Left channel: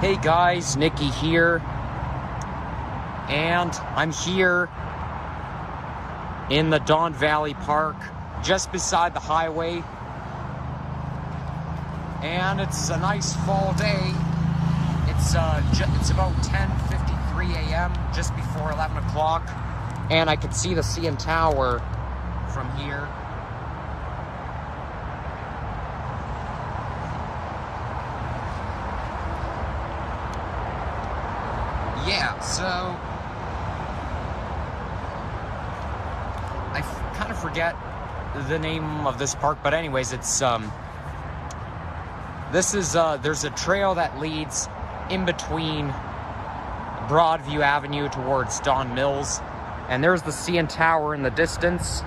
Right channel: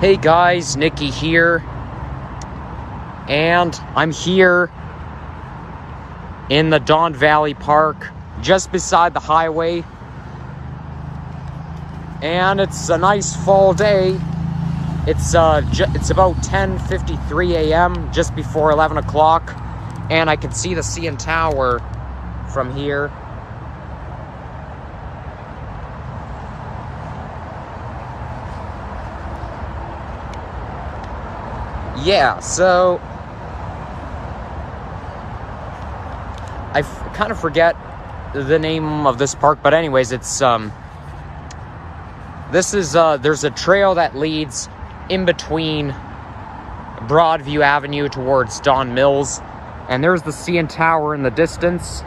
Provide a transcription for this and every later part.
Hey guys, Nikki here, and I'm here in the Don Valley Park, just beside the highway, and it's a nice fall day. It's about 10:53 a.m., just before 11 o'clock, and I can see the CN Tower from here. Yeah, so I kind of forget the name of this park, but anyways, it's there's a trail that leads in between Broadview Avenue towards Don Mills, and there's the CN Tower in the distance.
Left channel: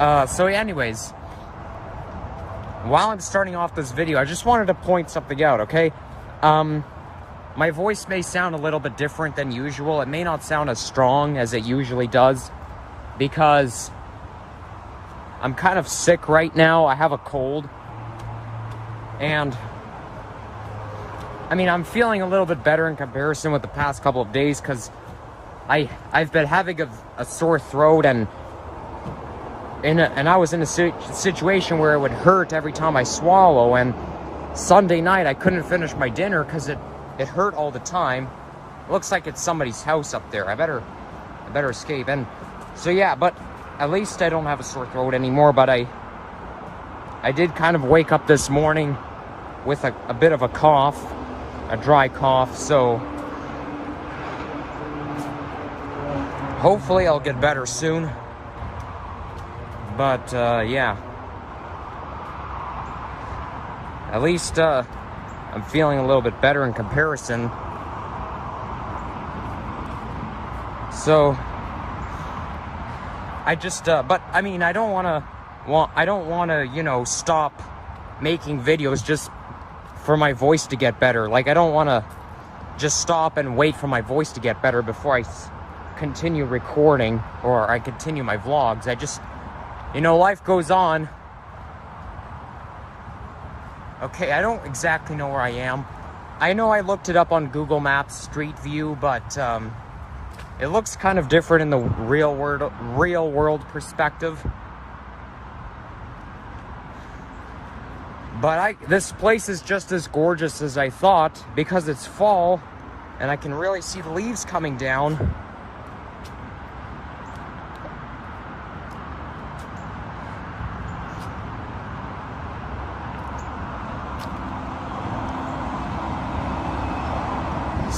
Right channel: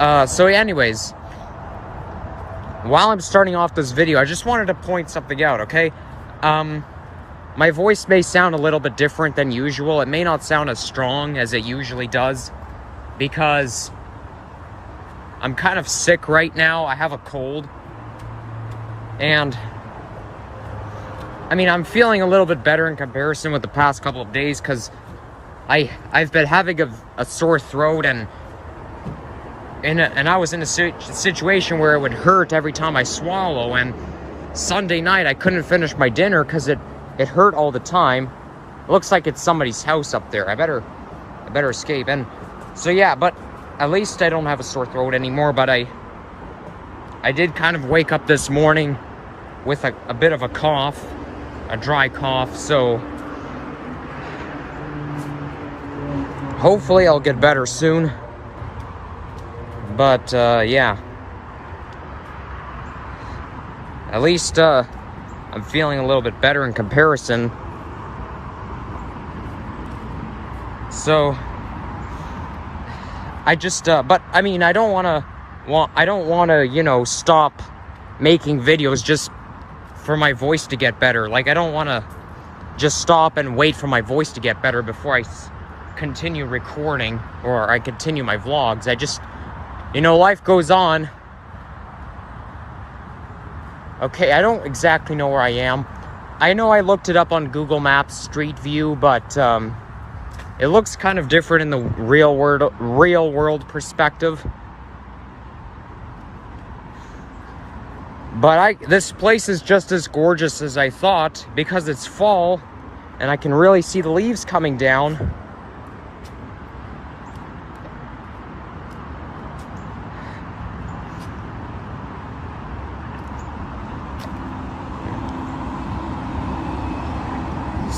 So anyways, while I'm starting off this video, I just wanted to point something out, okay? My voice may sound a little bit different than usual. It may not sound as strong as it usually does because I'm kind of sick right now. I have a cold. And I mean, I'm feeling a little bit better in comparison with the past couple of days because I've been having a sore throat, and I was in a situation where it would hurt every time I swallow, and Sunday night I couldn't finish my dinner because it hurt all the time. It looks like it's somebody's house up there. I better escape. And so yeah, but at least I don't have a sore throat anymore. But I did kind of wake up this morning with a bit of a cough, a dry cough. So hopefully I'll get better soon. But yeah, at least I'm feeling a little bit better in comparison. So I just but I mean, I don't want to, you know, stop making videos just for my voice to get better. Like, I don't want to just stop and wait for my voice to get better before I continue recording or I continue my vlogs. I just, you know, life goes on. Okay, I don't exactly know where I am. I know I looked it up on Google Maps Street View, but it looks kind of different in the real world perspective. But this place is just as gorgeous as I thought because it's fall and I can really see the leaves coming down.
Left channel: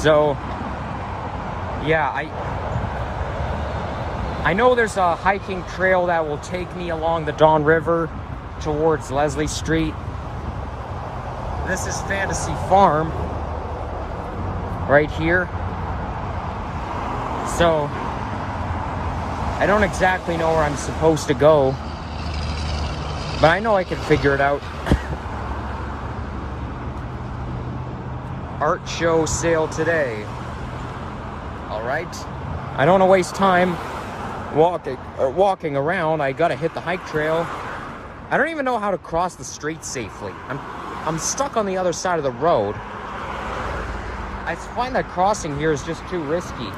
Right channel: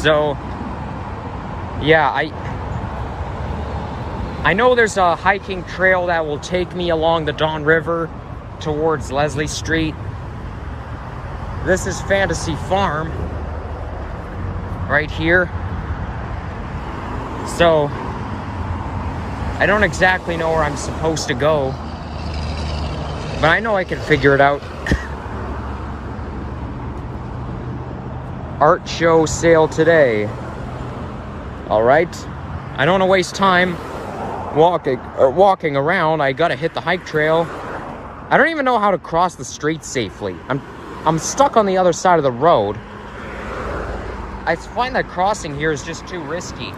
So, yeah, I know there's a hiking trail that will take me along the Don River towards Leslie Street. This is Fantasy Farm right here. So, I don't exactly know where I'm supposed to go, but I know I can figure it out. Art show sale today. All right, I don't want to waste time walking around. I gotta hit the hike trail. I don't even know how to cross the street safely. I'm stuck on the other side of the road. I find that crossing here is just too risky.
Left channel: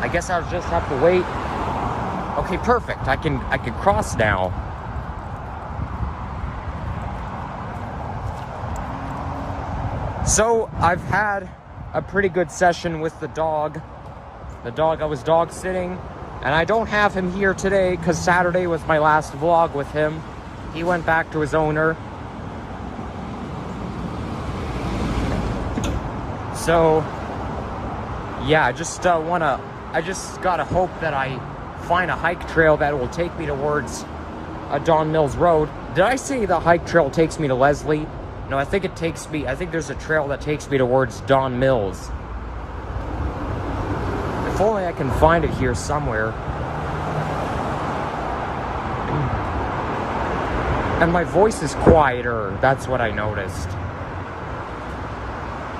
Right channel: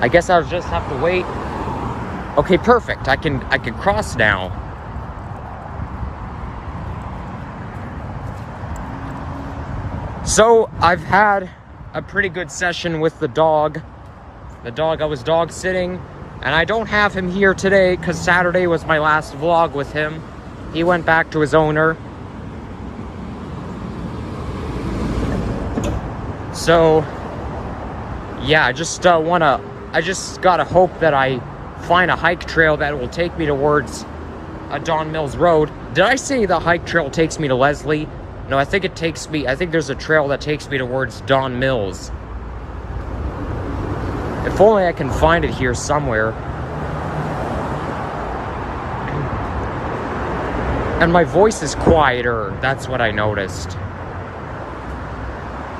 I guess I'll just have to wait. Okay, perfect. I can cross now. So, I've had a pretty good session with the dog. I was dog sitting, and I don't have him here today because Saturday was my last vlog with him. He went back to his owner. So, yeah, I just gotta hope that I find a hike trail that will take me towards Don Mills Road. Did I say the hike trail takes me to Leslie? No, I think there's a trail that takes me towards Don Mills. If only I can find it here somewhere. And my voice is quieter, that's what I noticed.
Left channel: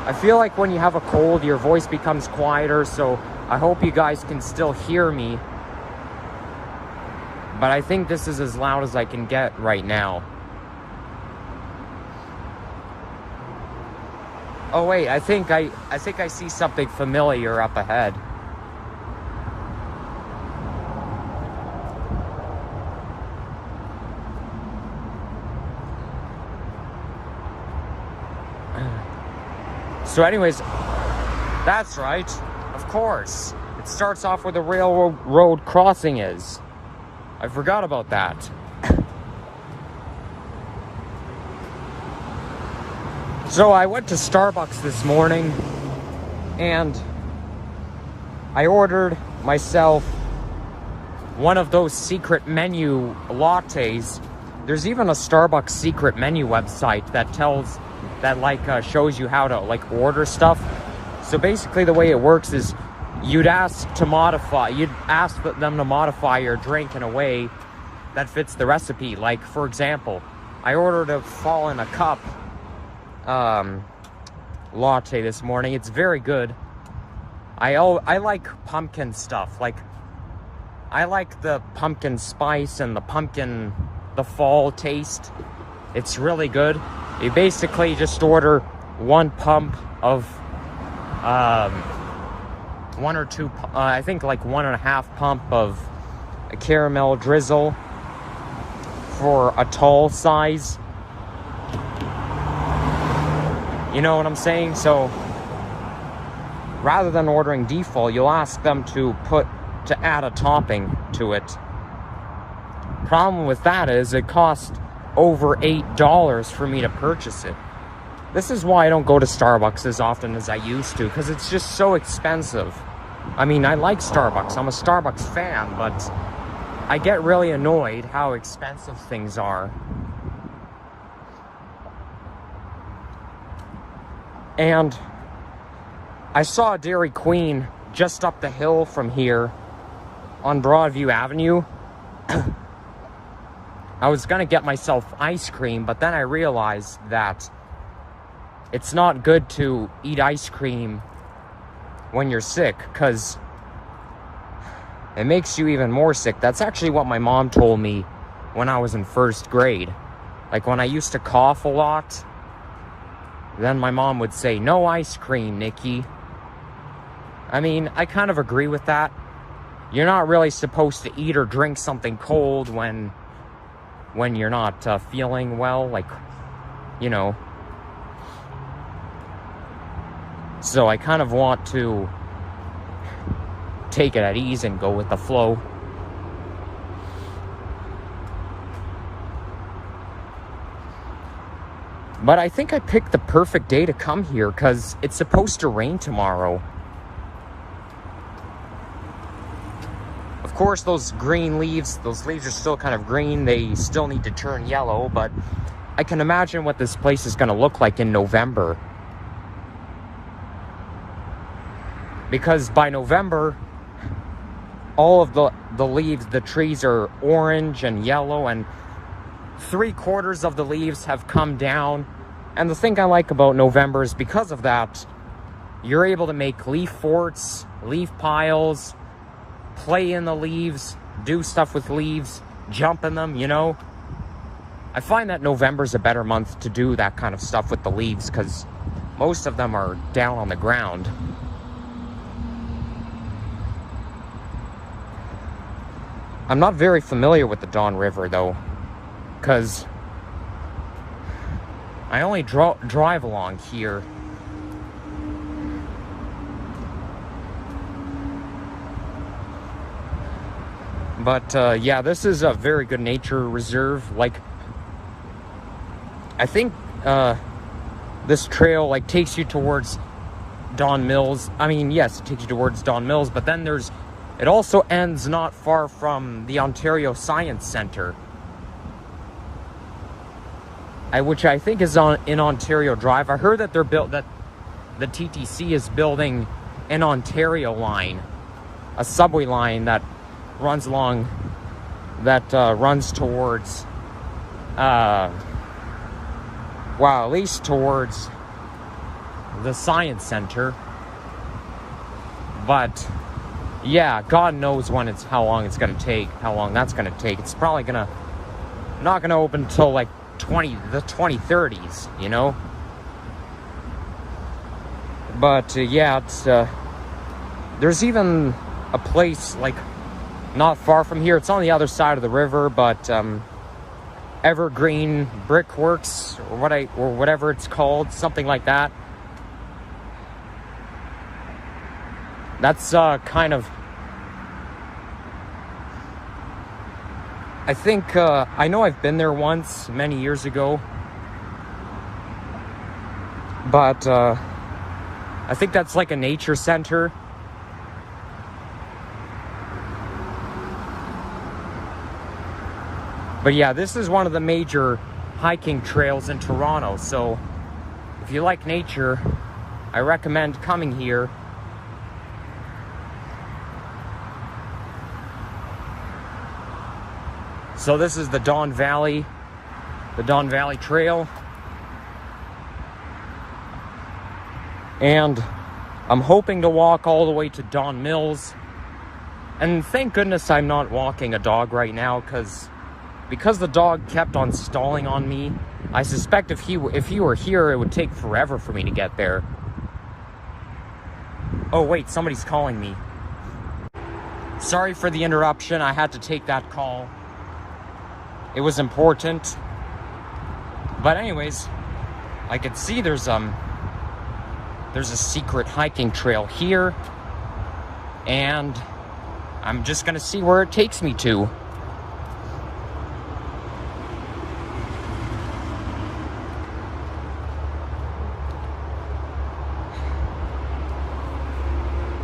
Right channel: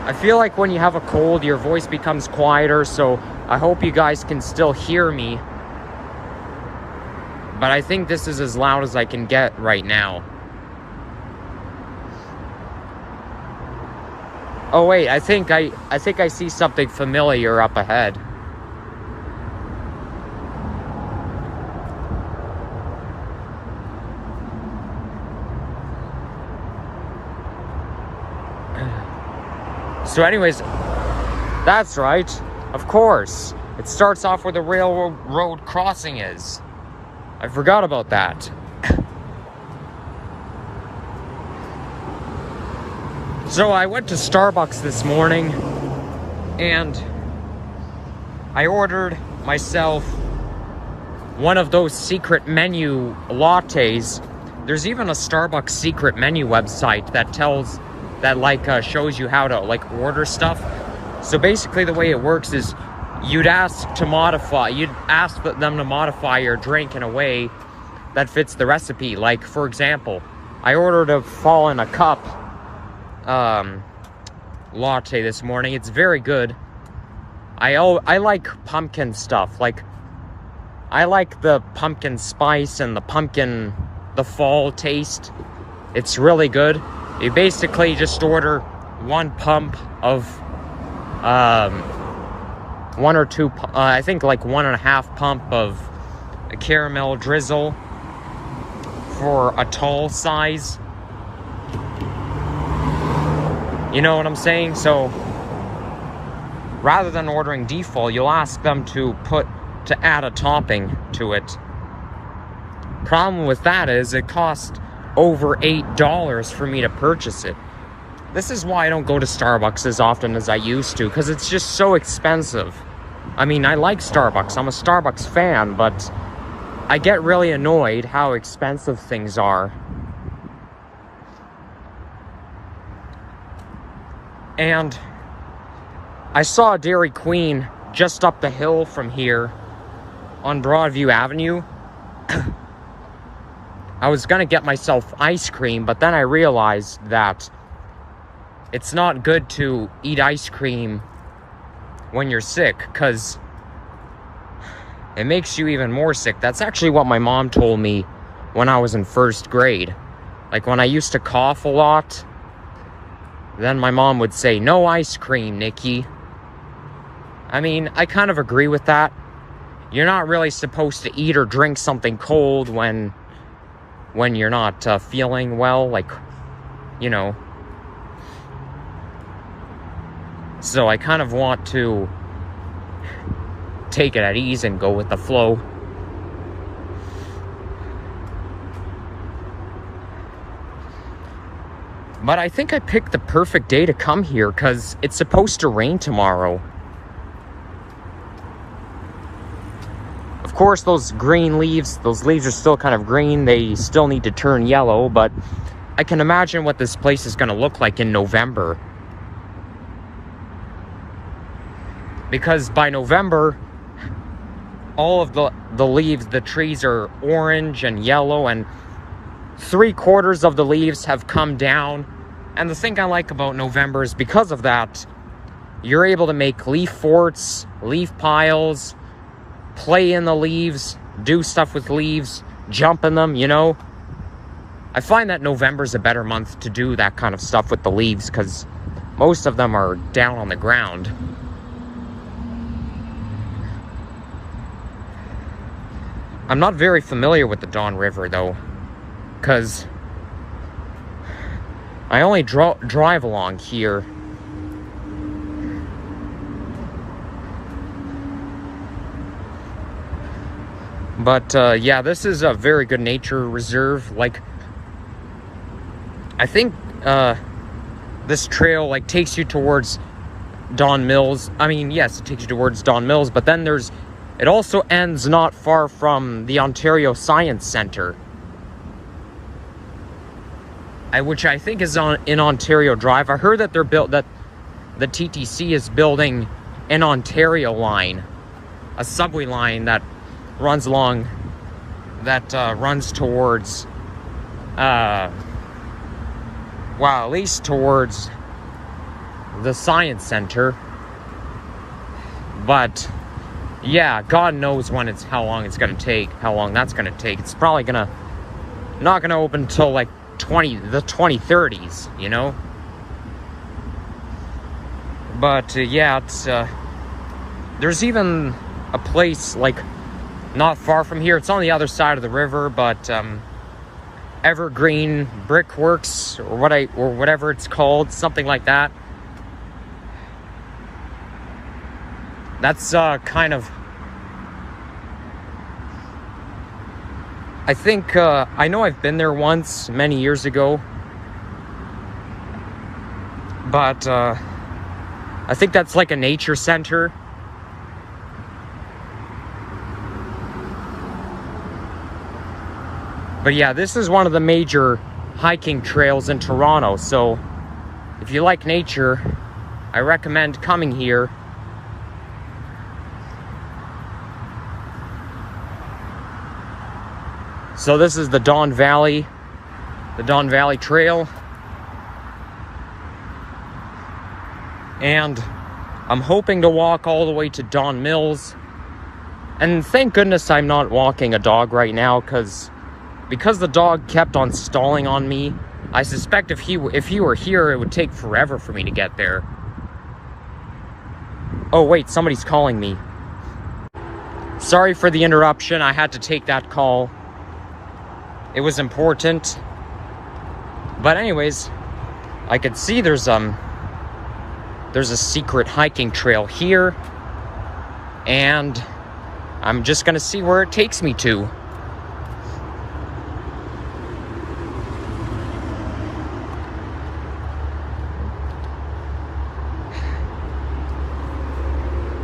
I feel like when you have a cold, your voice becomes quieter, so I hope you guys can still hear me. But I think this is as loud as I can get right now. Oh wait, I think I see something familiar up ahead. So anyways, that's right. Of course. It starts off where the railroad crossing is. I forgot about that. So I went to Starbucks this morning and I ordered myself one of those secret menu lattes. There's even a Starbucks secret menu website that shows you how to order stuff. So basically the way it works is you'd ask them to modify your drink in a way that fits the recipe. Like, for example, I ordered a fall in a cup latte this morning. It's very good. I like pumpkin stuff. Like, I like the pumpkin spice and the fall taste. It's really good. You basically just order one pump of one or two, I think like 1.5 pump of a caramel drizzle for a tall size. You know what I'm saying? So rather than ordering default, you'll ask them to add a topping to it. Problem with that is it costs over $8 for me to purchase it. This is why I don't go to Starbucks as often as I used to, because it's just so expensive. I mean, I like Starbucks. I'm a Starbucks fan, but I get really annoyed how expensive things are. And I saw a Dairy Queen just up the hill from here on Broadview Avenue. I was gonna get myself ice cream, but then I realized that it's not good to eat ice cream when you're sick, because it makes you even more sick. That's actually what my mom told me when I was in 1st grade. Like, when I used to cough a lot, then my mom would say, "No ice cream, Nikki." I mean, I kind of agree with that. You're not really supposed to eat or drink something cold when you're not feeling well, like, you know. So I kind of want to take it at ease and go with the flow. But I think I picked the perfect day to come here, because it's supposed to rain tomorrow. Of course, those leaves are still kind of green. They still need to turn yellow, but I can imagine what this place is going to look like in November. Because by November, all of the leaves, the trees are orange and yellow, and 3/4 of the leaves have come down. And the thing I like about November is because of that, you're able to make leaf forts, leaf piles, play in the leaves, do stuff with leaves, jump in them, you know? I find that November's a better month to do that kind of stuff with the leaves, because most of them are down on the ground. I'm not very familiar with the Don River, though, because I only drive along here. But, yeah, this is a very good nature reserve. Like, I think, this trail, like, takes you towards Don Mills. I mean, yes, it takes you towards Don Mills, but then it also ends not far from the Ontario Science Centre, which I think is in Ontario Drive. I heard that that the TTC is building an Ontario line, a subway line that runs towards, well, at least towards the Science Center. But yeah, God knows when how long it's gonna take, how long that's gonna take. It's probably not gonna open until like the 2030s, you know? But yeah, it's there's even a place like not far from here. It's on the other side of the river, but Evergreen Brickworks or whatever it's called, something like that. That's kind of, I think, I know I've been there once many years ago, but I think that's like a nature center. But yeah, this is one of the major hiking trails in Toronto, so if you like nature, I recommend coming here. So this is the Don Valley Trail. And I'm hoping to walk all the way to Don Mills. And thank goodness I'm not walking a dog right now, because the dog kept on stalling on me. I suspect if he were here, it would take forever for me to get there. Oh wait, somebody's calling me. Sorry for the interruption, I had to take that call. It was important. But anyways, I could see there's a secret hiking trail here, and I'm just gonna see where it takes me to.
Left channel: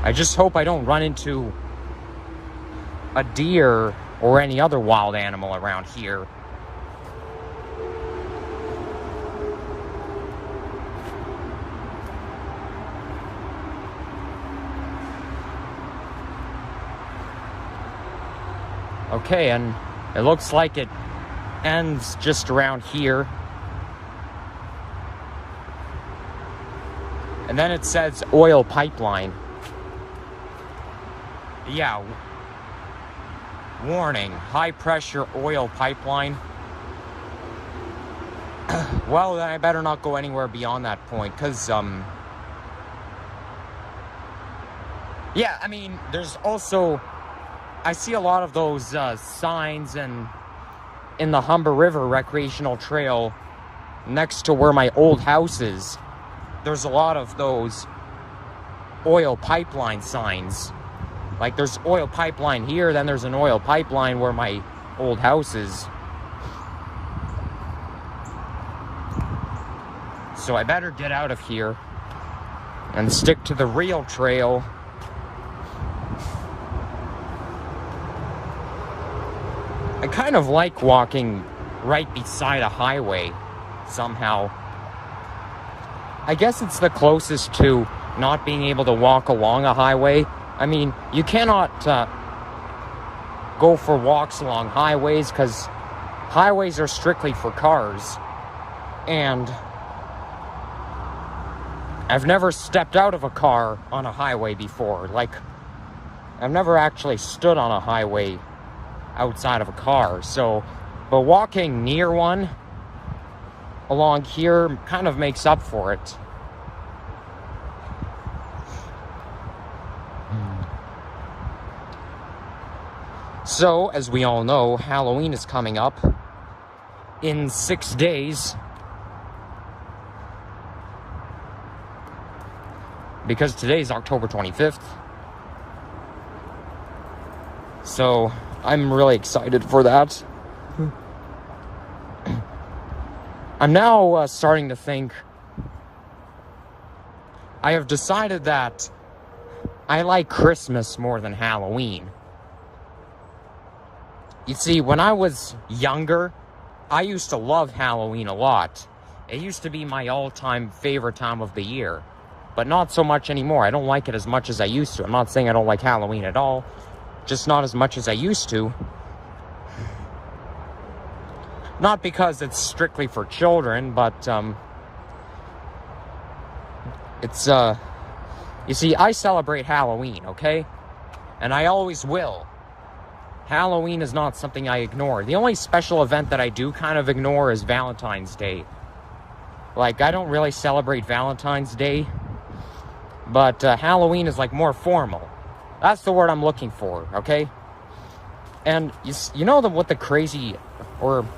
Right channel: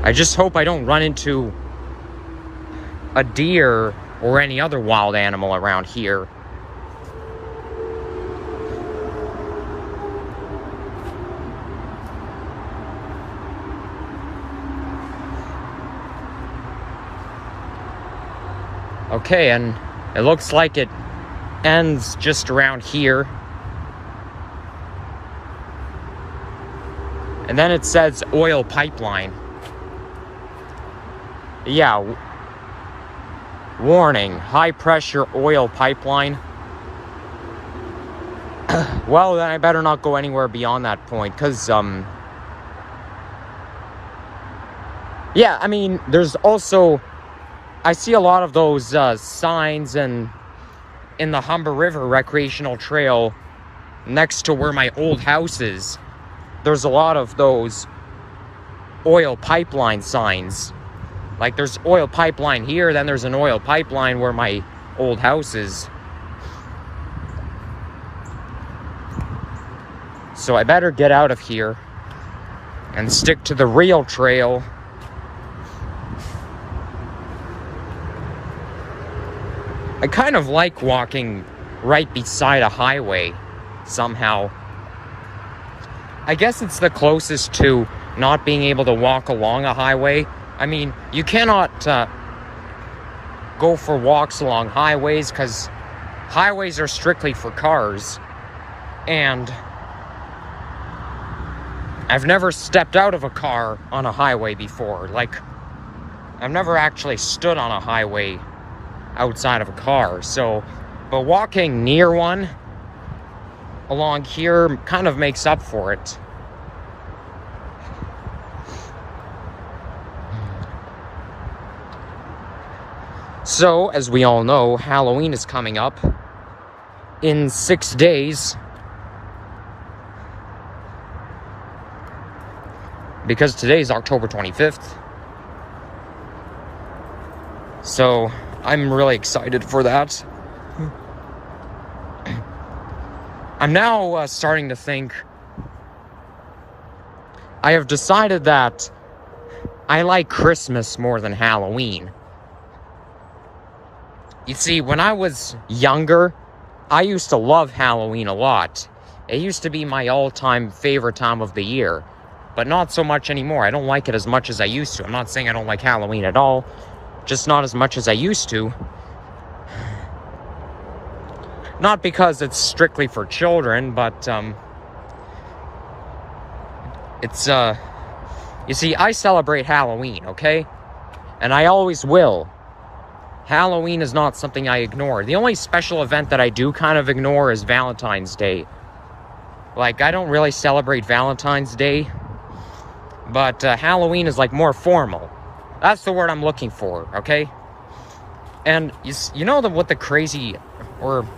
I just hope I don't run into a deer or any other wild animal around here. Okay, and it looks like it ends just around here. And then it says oil pipeline. Yeah, warning, high pressure oil pipeline. Well, then I better not go anywhere beyond that point, because, yeah, I mean, there's also, I see a lot of those signs in the Humber River Recreational Trail next to where my old house is. There's a lot of those oil pipeline signs. Like, there's oil pipeline here, then there's an oil pipeline where my old house is. So I better get out of here and stick to the real trail. I kind of like walking right beside a highway, somehow. I guess it's the closest to not being able to walk along a highway. I mean, you cannot go for walks along highways, because highways are strictly for cars. And I've never stepped out of a car on a highway before. Like, I've never actually stood on a highway outside of a car. So, but walking near one along here kind of makes up for it. So, as we all know, Halloween is coming up in 6 days. Because today's October 25th. So, I'm really excited for that. I'm now starting to think, I have decided that I like Christmas more than Halloween. You see, when I was younger, I used to love Halloween a lot. It used to be my all-time favorite time of the year, but not so much anymore. I don't like it as much as I used to. I'm not saying I don't like Halloween at all, just not as much as I used to. Not because it's strictly for children, but it's you see, I celebrate Halloween, okay? And I always will. Halloween is not something I ignore. The only special event that I do kind of ignore is Valentine's Day. Like, I don't really celebrate Valentine's Day. But Halloween is like more formal. That's the word I'm looking for, okay? And you know what the crazy or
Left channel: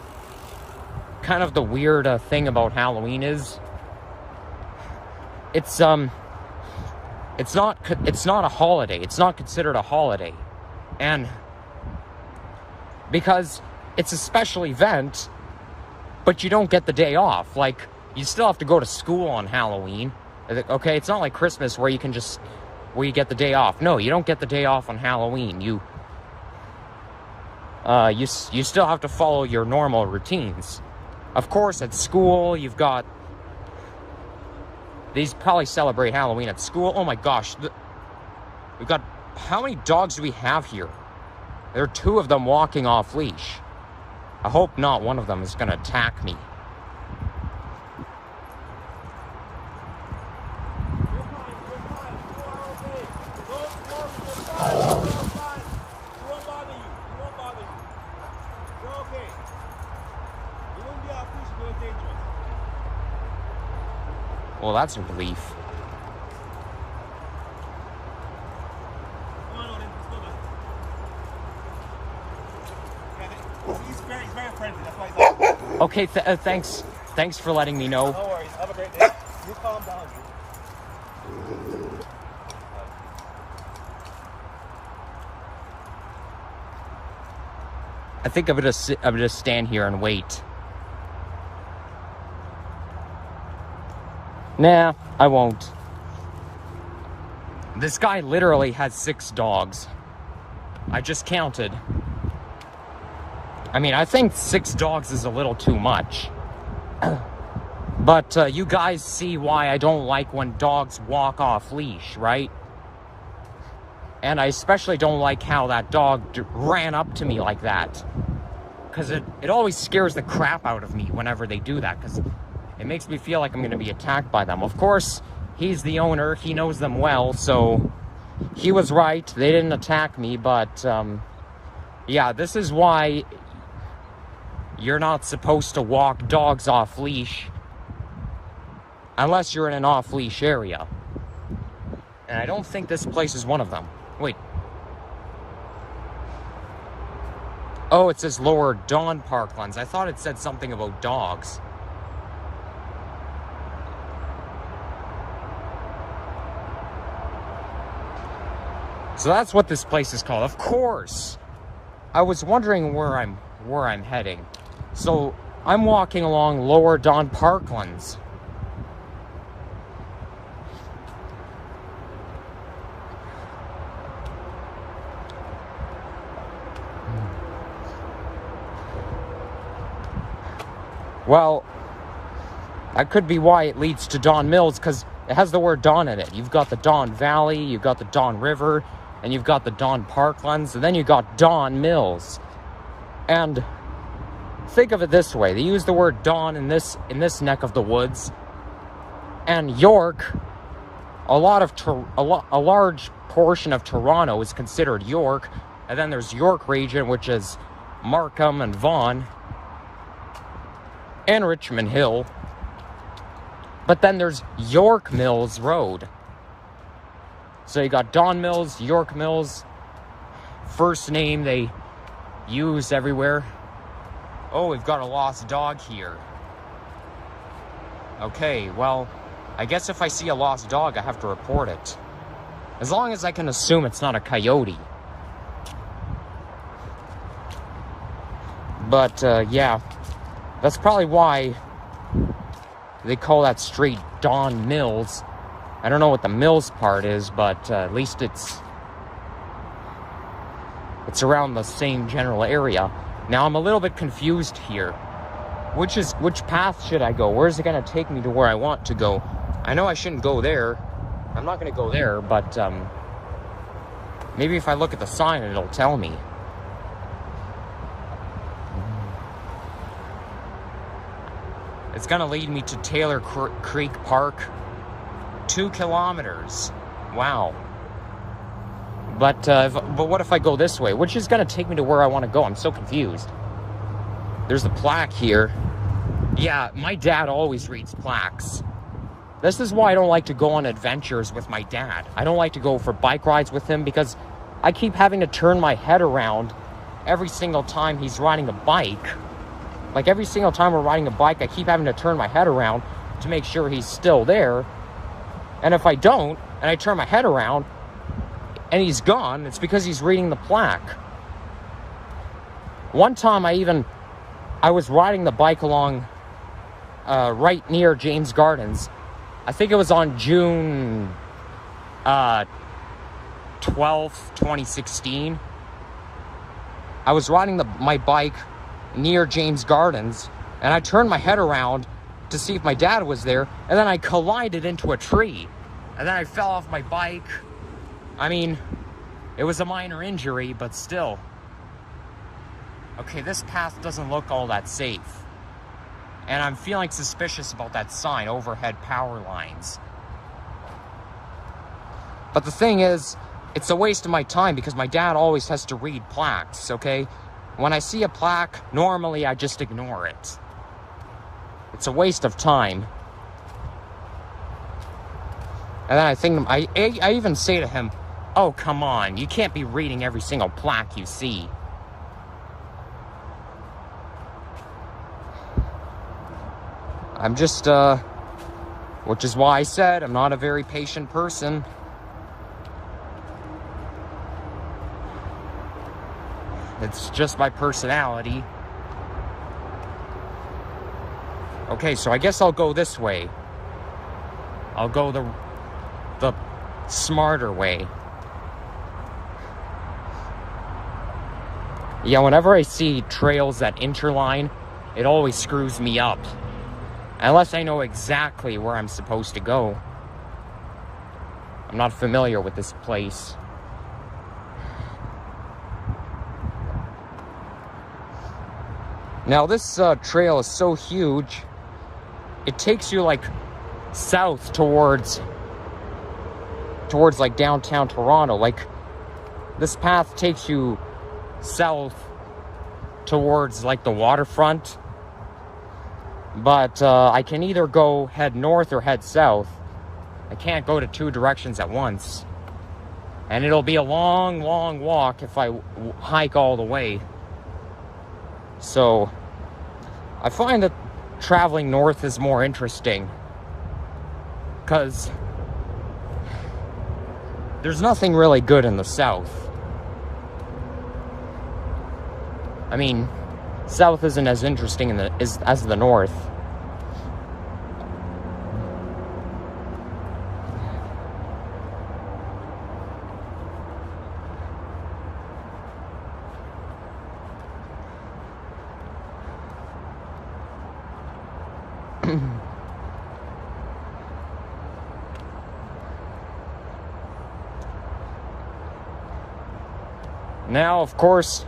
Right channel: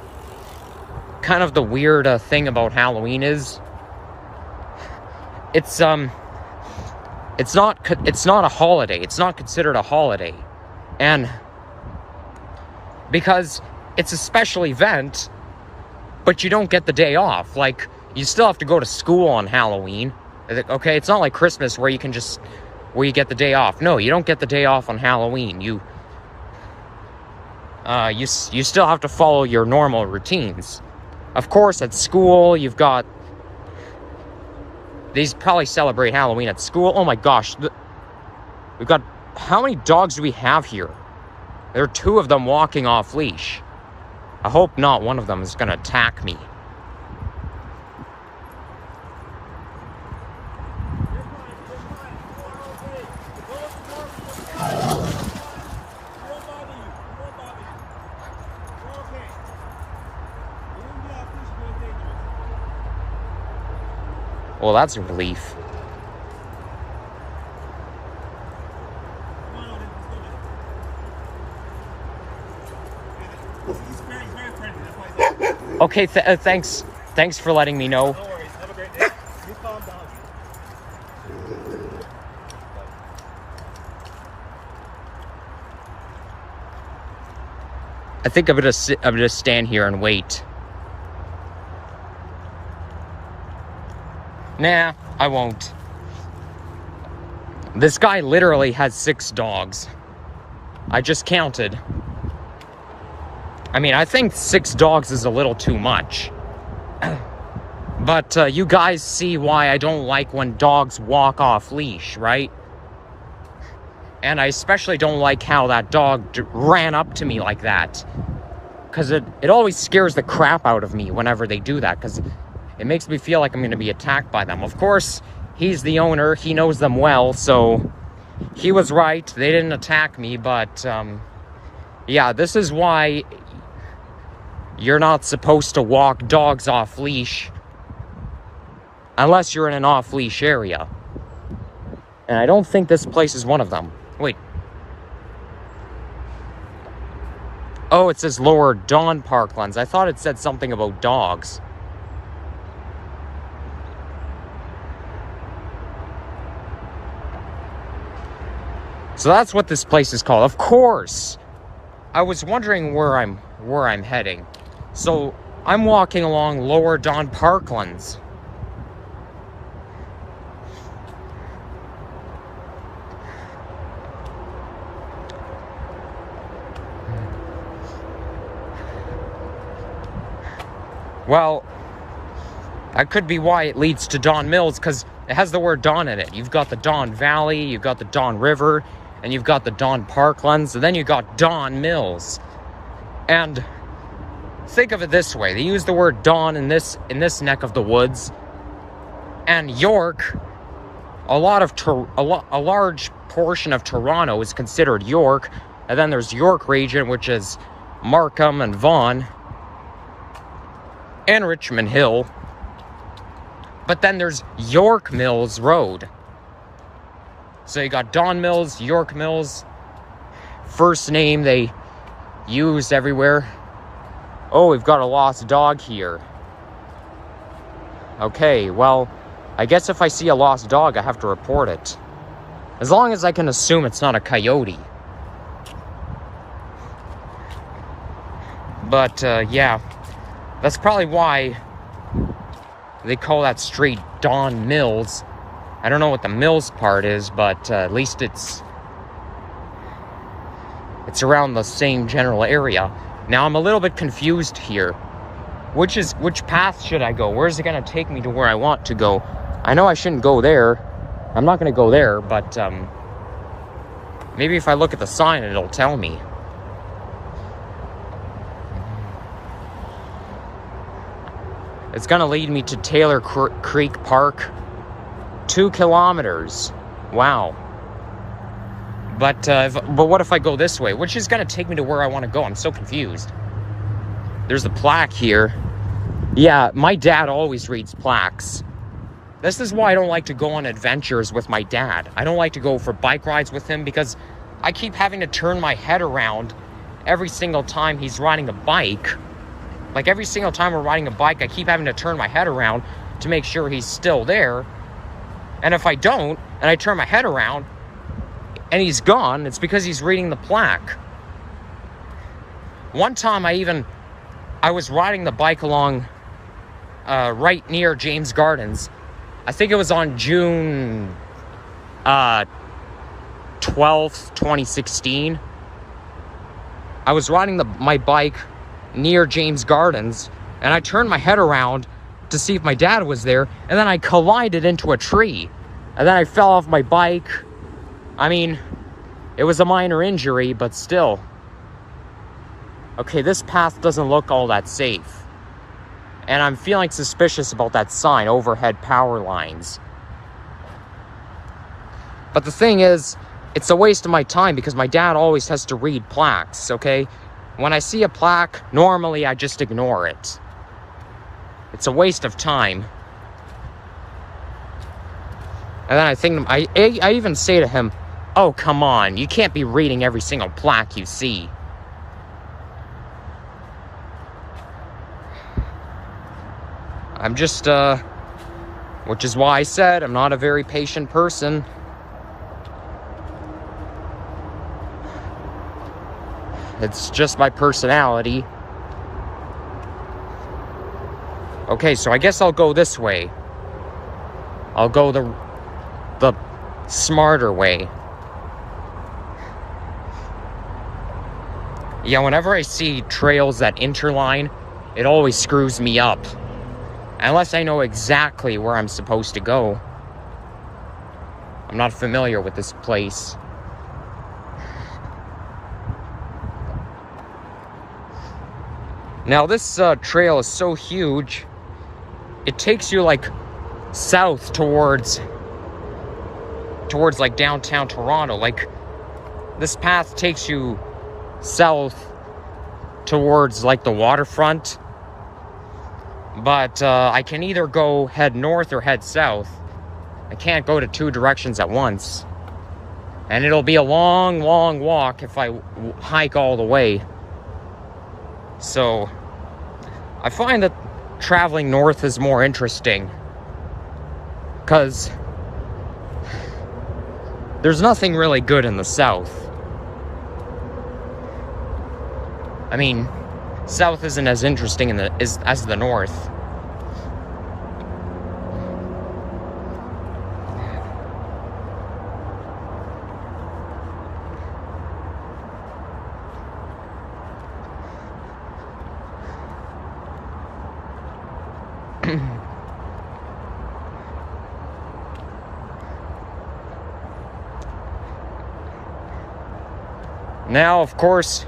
kind of the weird thing about Halloween is? It's not a holiday. It's not considered a holiday. And because it's a special event, but you don't get the day off. Like, you still have to go to school on Halloween. Okay, it's not like Christmas where you get the day off. No, you don't get the day off on Halloween. You still have to follow your normal routines. Of course, at school, you've got... These probably celebrate Halloween at school. Oh my gosh. We've got... How many dogs do we have here? There are 2 of them walking off leash. I hope not one of them is going to attack me. Well, that's a relief. Okay, thanks. Thanks for letting me know. No worries. Have a great day. You calm down. I think I'm gonna stand here and wait. Nah, I won't. This guy literally has 6 dogs. I just counted. I mean, I think 6 dogs is a little too much. But you guys see why I don't like when dogs walk off leash, right? And I especially don't like how that dog ran up to me like that. Because it always scares the crap out of me whenever they do that. Because it makes me feel like I'm going to be attacked by them. Of course, he's the owner. He knows them well, so he was right. They didn't attack me, but yeah, this is why you're not supposed to walk dogs off leash unless you're in an off-leash area. And I don't think this place is one of them. Wait. Oh, it says Lower Dawn Parklands. I thought it said something about dogs. So that's what this place is called. Of course. I was wondering where I'm heading. So I'm walking along Lower Dawn Parklands. Well, that could be why it leads to Dawn Mills, because it has the word Dawn in it. You've got the Dawn Valley, you've got the Dawn River, and you've got the Dawn Parklands, and then you've got Dawn Mills. And think of it this way. They use the word Dawn in this neck of the woods. And York, a large portion of Toronto is considered York. And then there's York region, which is Markham and Vaughan. And Richmond Hill. But then there's York Mills Road. So you got Dawn Mills, York Mills. First name they use everywhere. Oh, we've got a lost dog here. Okay, well, I guess if I see a lost dog, I have to report it. As long as I can assume it's not a coyote. But, yeah. That's probably why they call that street Dawn Mills. I don't know what the Mills part is, but at least it's around the same general area. Now I'm a little bit confused here. Which path should I go? Where is it going to take me to where I want to go? I know I shouldn't go there. I'm not going to go there, but maybe if I look at the sign, it'll tell me. It's going to lead me to Taylor Creek Park. 2 kilometers. Wow. But what if I go this way? Which is going to take me to where I want to go. I'm so confused. There's a plaque here. Yeah, my dad always reads plaques. This is why I don't like to go on adventures with my dad. I don't like to go for bike rides with him because I keep having to turn my head around every single time he's riding a bike. Like, every single time we're riding a bike, I keep having to turn my head around to make sure he's still there. And if I don't, and I turn my head around, and he's gone, it's because he's reading the plaque. One time I was riding the bike along right near James Gardens. I think it was on June 12th, 2016. I was riding my bike near James Gardens, and I turned my head around to see if my dad was there, and then I collided into a tree. And then I fell off my bike. I mean, it was a minor injury, but still. Okay, this path doesn't look all that safe. And I'm feeling suspicious about that sign, overhead power lines. But the thing is, it's a waste of my time because my dad always has to read plaques, okay? When I see a plaque, normally I just ignore it. It's a waste of time. And then I even say to him, oh, come on, you can't be reading every single plaque you see. I'm just, which is why I said I'm not a very patient person. It's just my personality. Okay, so I guess I'll go this way. I'll go the smarter way. Yeah, whenever I see trails that interline, it always screws me up. Unless I know exactly where I'm supposed to go. I'm not familiar with this place. Now this trail is so huge, it takes you like south towards like downtown Toronto. Like, this path takes you south towards like the waterfront. But I can either head north or head south. I can't go to two directions at once. And it'll be a long, long walk if I hike all the way. So I find that traveling north is more interesting. Because there's nothing really good in the south. I mean, south isn't as interesting as the north. Now, of course,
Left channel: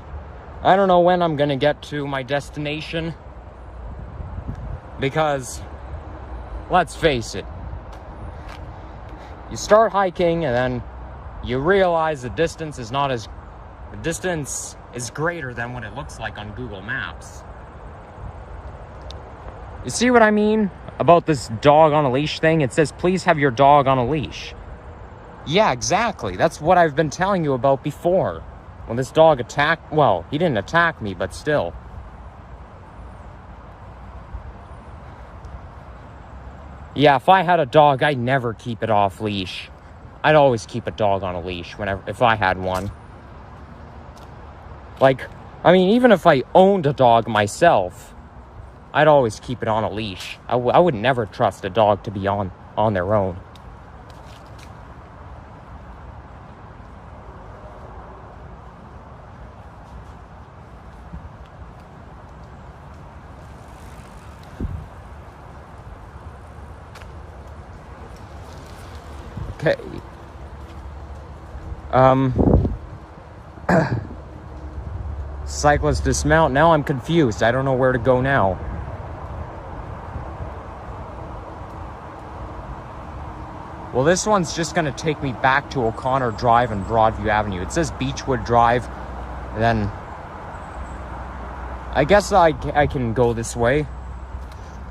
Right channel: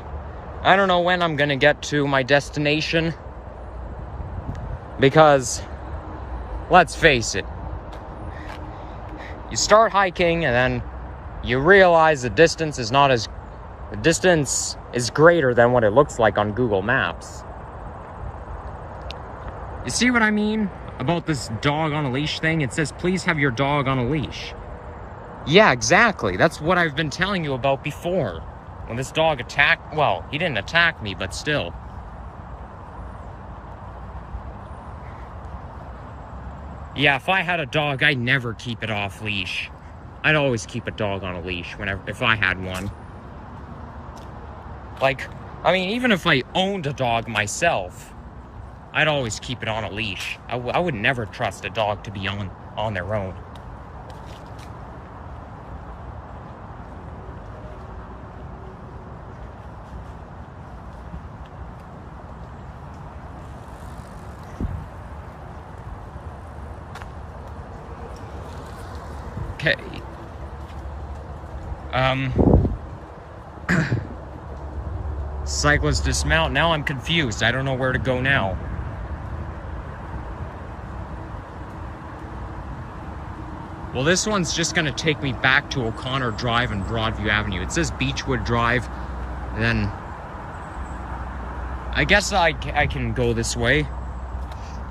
I don't know when I'm gonna get to my destination, because let's face it, you start hiking and then you realize the distance is greater than what it looks like on Google Maps. You see what I mean about this dog on a leash thing? It says, please have your dog on a leash. Yeah, exactly. That's what I've been telling you about before. When this dog attacked, well, he didn't attack me, but still. Yeah, if I had a dog, I'd never keep it off leash. I'd always keep a dog on a leash if I had one. Like, I mean, even if I owned a dog myself, I'd always keep it on a leash. I would never trust a dog to be on their own. Okay. Cyclist dismount. Now I'm confused. I don't know where to go now. Well, this one's just gonna take me back to O'Connor Drive and Broadview Avenue. It says Beechwood Drive. Then I guess I can go this way.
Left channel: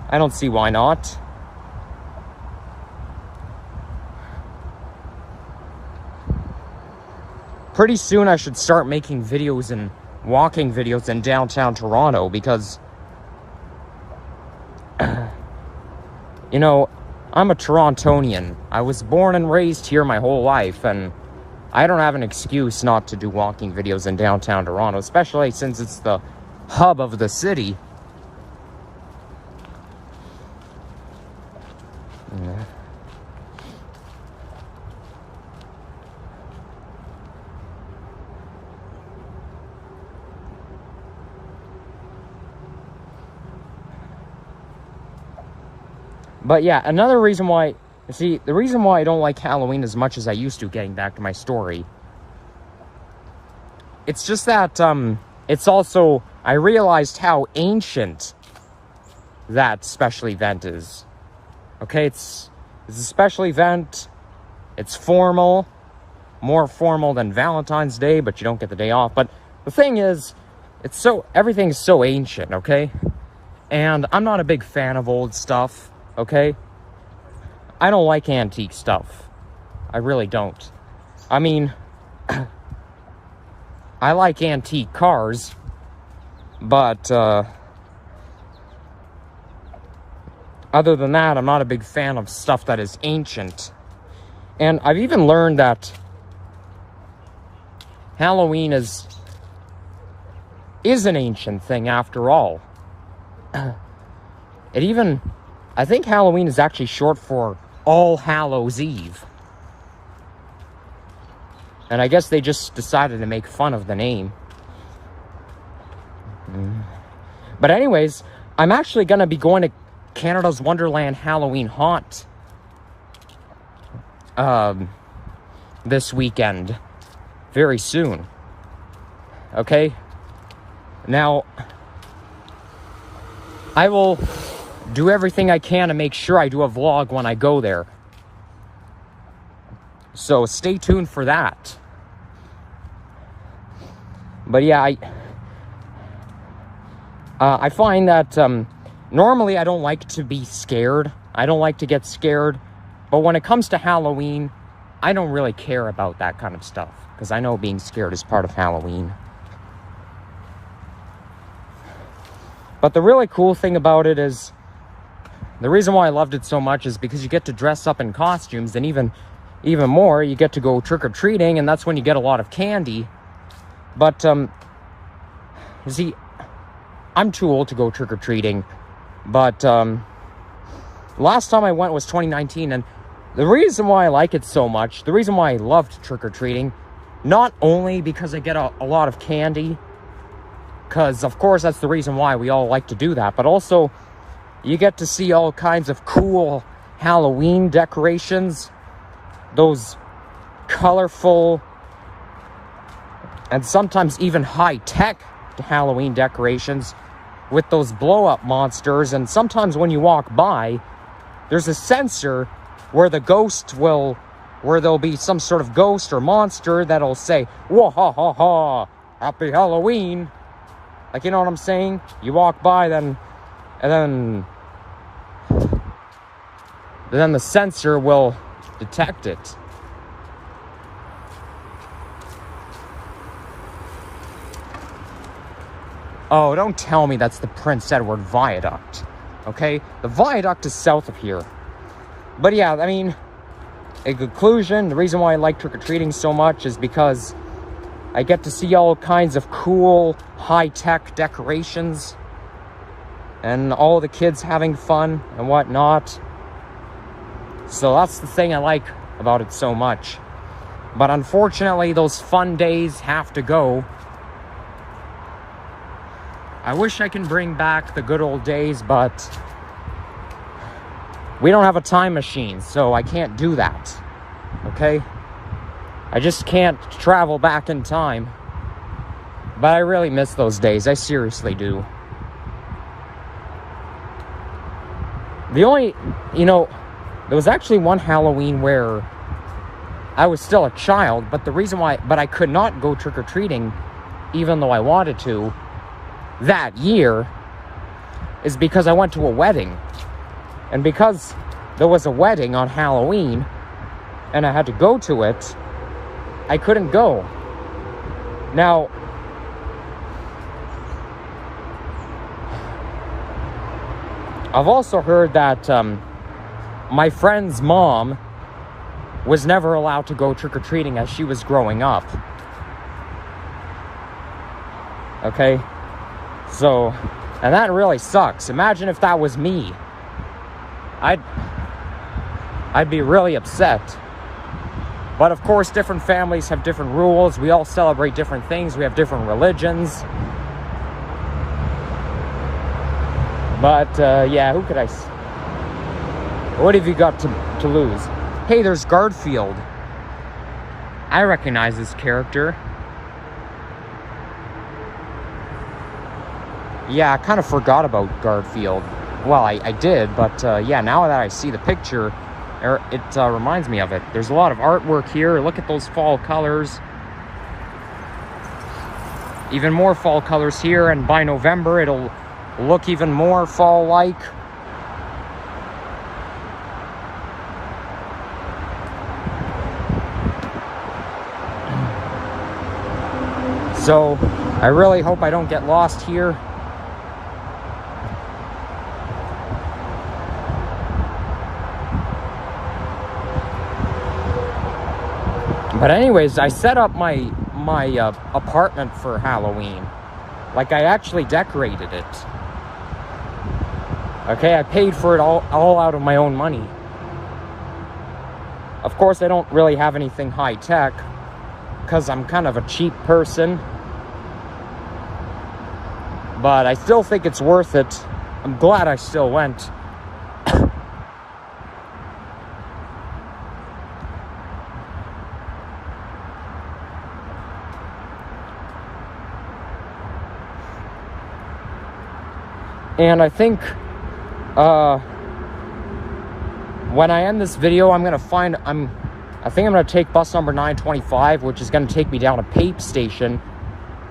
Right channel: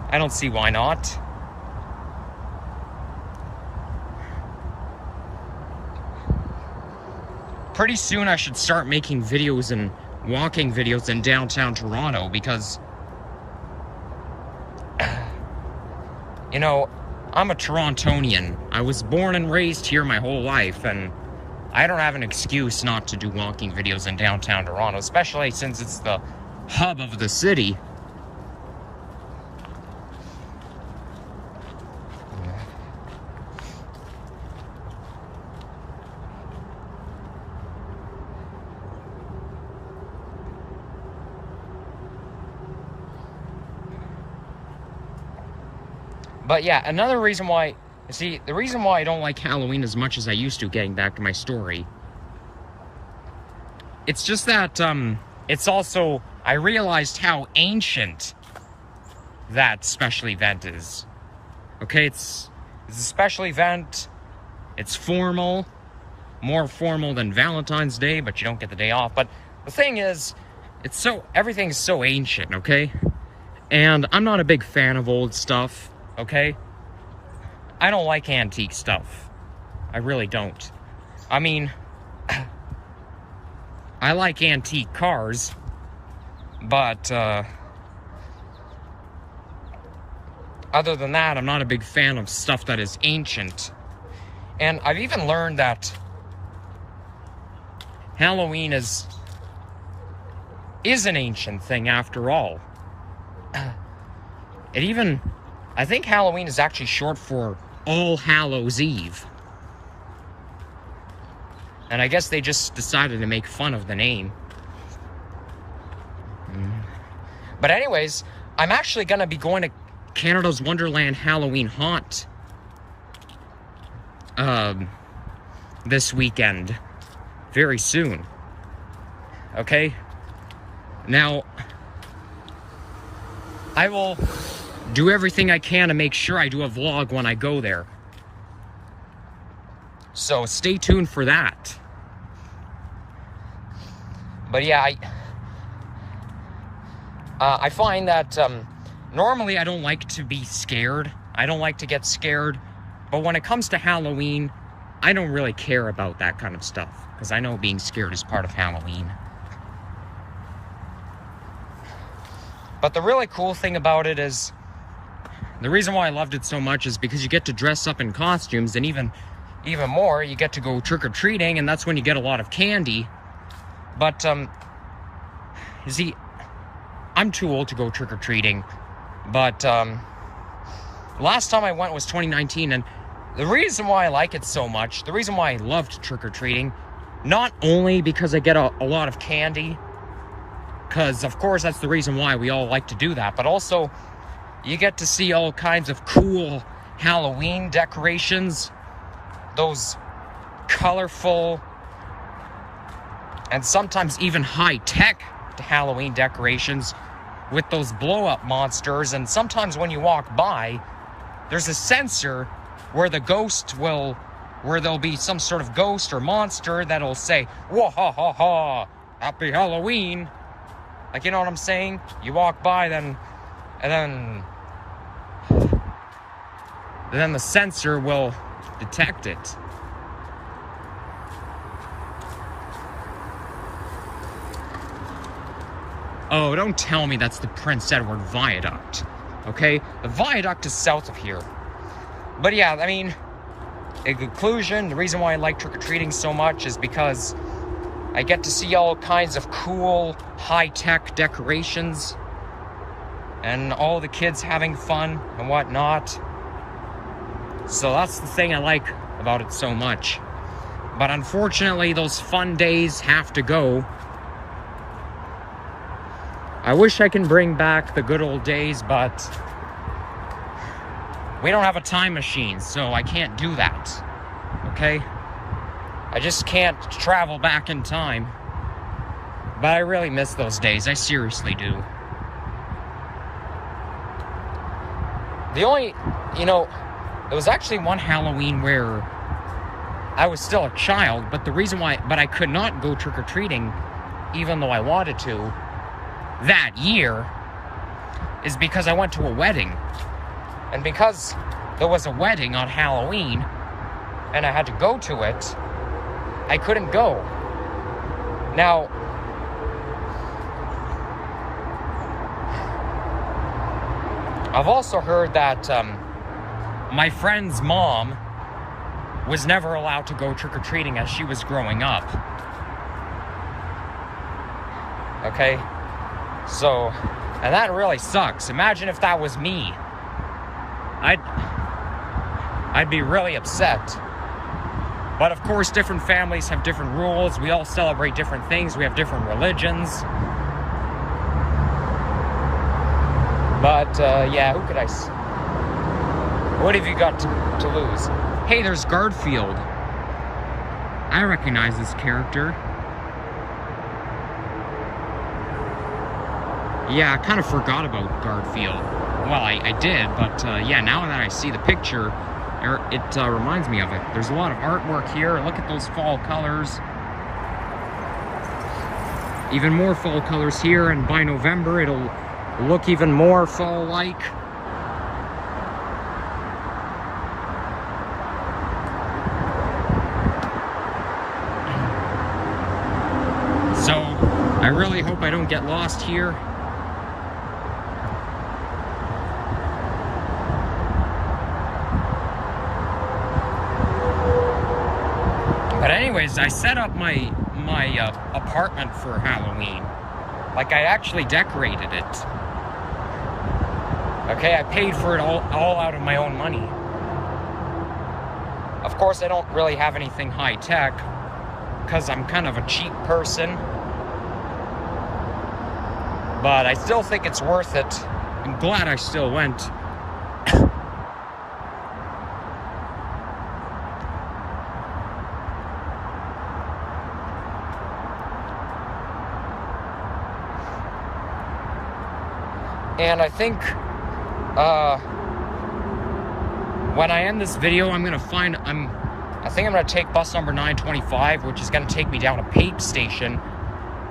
I don't see why not. Pretty soon I should start making videos and walking videos in downtown Toronto because, you know, I'm a Torontonian. I was born and raised here my whole life, and I don't have an excuse not to do walking videos in downtown Toronto, especially since it's the hub of the city. But yeah, another reason why, you see, the reason why I don't like Halloween as much as I used to, getting back to my story, it's just that, it's also, I realized how ancient that special event is. Okay, it's a special event, it's formal, more formal than Valentine's Day, but you don't get the day off. But the thing is, everything's so ancient, okay? And I'm not a big fan of old stuff. Okay? I don't like antique stuff. I really don't. I mean, I like antique cars, but other than that, I'm not a big fan of stuff that is ancient. And I've even learned that Halloween is an ancient thing after all. I think Halloween is actually short for All Hallows Eve. And I guess they just decided to make fun of the name. But anyways, I'm actually going to be going to Canada's Wonderland Halloween Haunt this weekend. Very soon. Okay? Now, I will do everything I can to make sure I do a vlog when I go there. So stay tuned for that. But yeah, I find that normally I don't like to be scared. I don't like to get scared. But when it comes to Halloween, I don't really care about that kind of stuff, because I know being scared is part of Halloween. But the really cool thing about it is, the reason why I loved it so much is because you get to dress up in costumes, and even more, you get to go trick-or-treating, and that's when you get a lot of candy. But, you see, I'm too old to go trick-or-treating, but, last time I went was 2019, and the reason why I like it so much, the reason why I loved trick-or-treating, not only because I get a lot of candy, because, of course, that's the reason why we all like to do that, but also, you get to see all kinds of cool Halloween decorations. Those colorful and sometimes even high-tech Halloween decorations with those blow-up monsters. And sometimes when you walk by, there's a sensor where where there'll be some sort of ghost or monster that'll say, "Whoa, ha, ha, ha, happy Halloween." Like, you know what I'm saying? You walk by, and then the sensor will detect it. Oh, don't tell me that's the Prince Edward Viaduct, okay? The viaduct is south of here. But yeah, I mean, in conclusion, the reason why I like trick-or-treating so much is because I get to see all kinds of cool, high-tech decorations, and all the kids having fun and whatnot. So that's the thing I like about it so much. But unfortunately, those fun days have to go. I wish I can bring back the good old days, but we don't have a time machine, so I can't do that. Okay? I just can't travel back in time. But I really miss those days. I seriously do. The only, you know, There was actually one Halloween where I was still a child, but the reason why, but I could not go trick-or-treating, even though I wanted to, that year, is because I went to a wedding. And because there was a wedding on Halloween, and I had to go to it, I couldn't go. Now, I've also heard that my friend's mom was never allowed to go trick-or-treating as she was growing up. Okay? So, and that really sucks. Imagine if that was me. I'd be really upset. But of course, different families have different rules. We all celebrate different things. We have different religions. But, yeah, who could I... What have you got to lose? Hey, there's Garfield. I recognize this character. Yeah, I kind of forgot about Garfield. Well, I did, but, yeah, now that I see the picture, it reminds me of it. There's a lot of artwork here. Look at those fall colors. Even more fall colors here, and by November, it'll look even more fall-like. So, I really hope I don't get lost here. But anyways, I set up my apartment for Halloween. Like, I actually decorated it. Okay, I paid for it all out of my own money. Of course, I don't really have anything high-tech, because I'm kind of a cheap person. But I still think it's worth it. I'm glad I still went. And I think, when I end this video, I think I'm gonna take bus number 925, which is gonna take me down to Pape Station,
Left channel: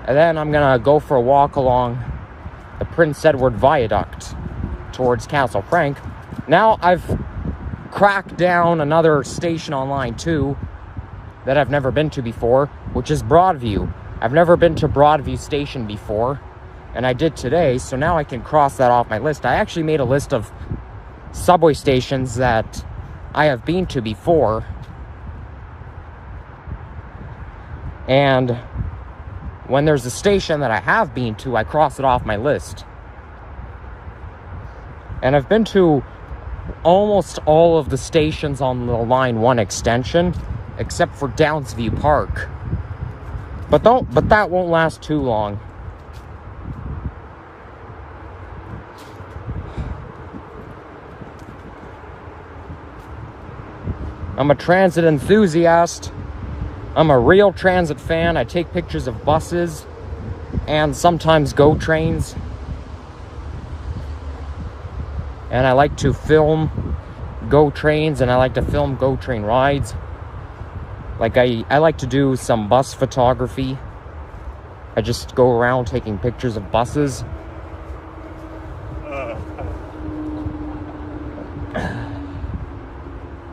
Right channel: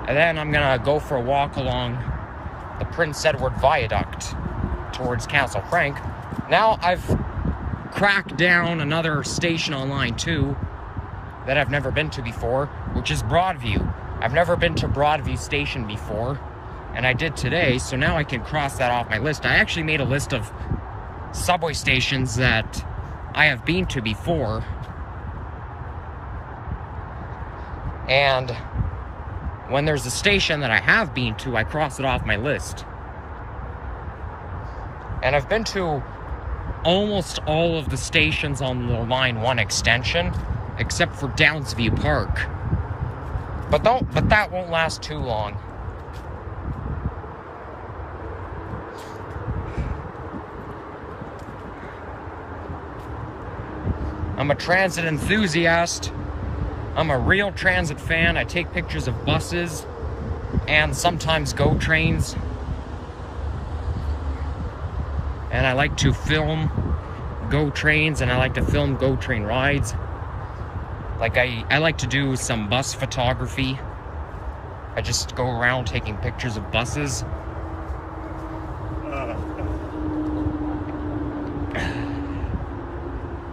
and then I'm gonna go for a walk along the Prince Edward Viaduct towards Castle Frank. Now, I've cracked down another station online too that I've never been to before, which is Broadview. I've never been to Broadview Station before, and I did today, so now I can cross that off my list. I actually made a list of subway stations that I have been to before, and when there's a station that I have been to, I cross it off my list. And I've been to almost all of the stations on the Line 1 extension, except for Downsview Park. But that won't last too long. I'm a transit enthusiast. I'm a real transit fan. I take pictures of buses and sometimes GO trains. And I like to film GO trains, and I like to film GO train rides. Like, I like to do some bus photography. I just go around taking pictures of buses.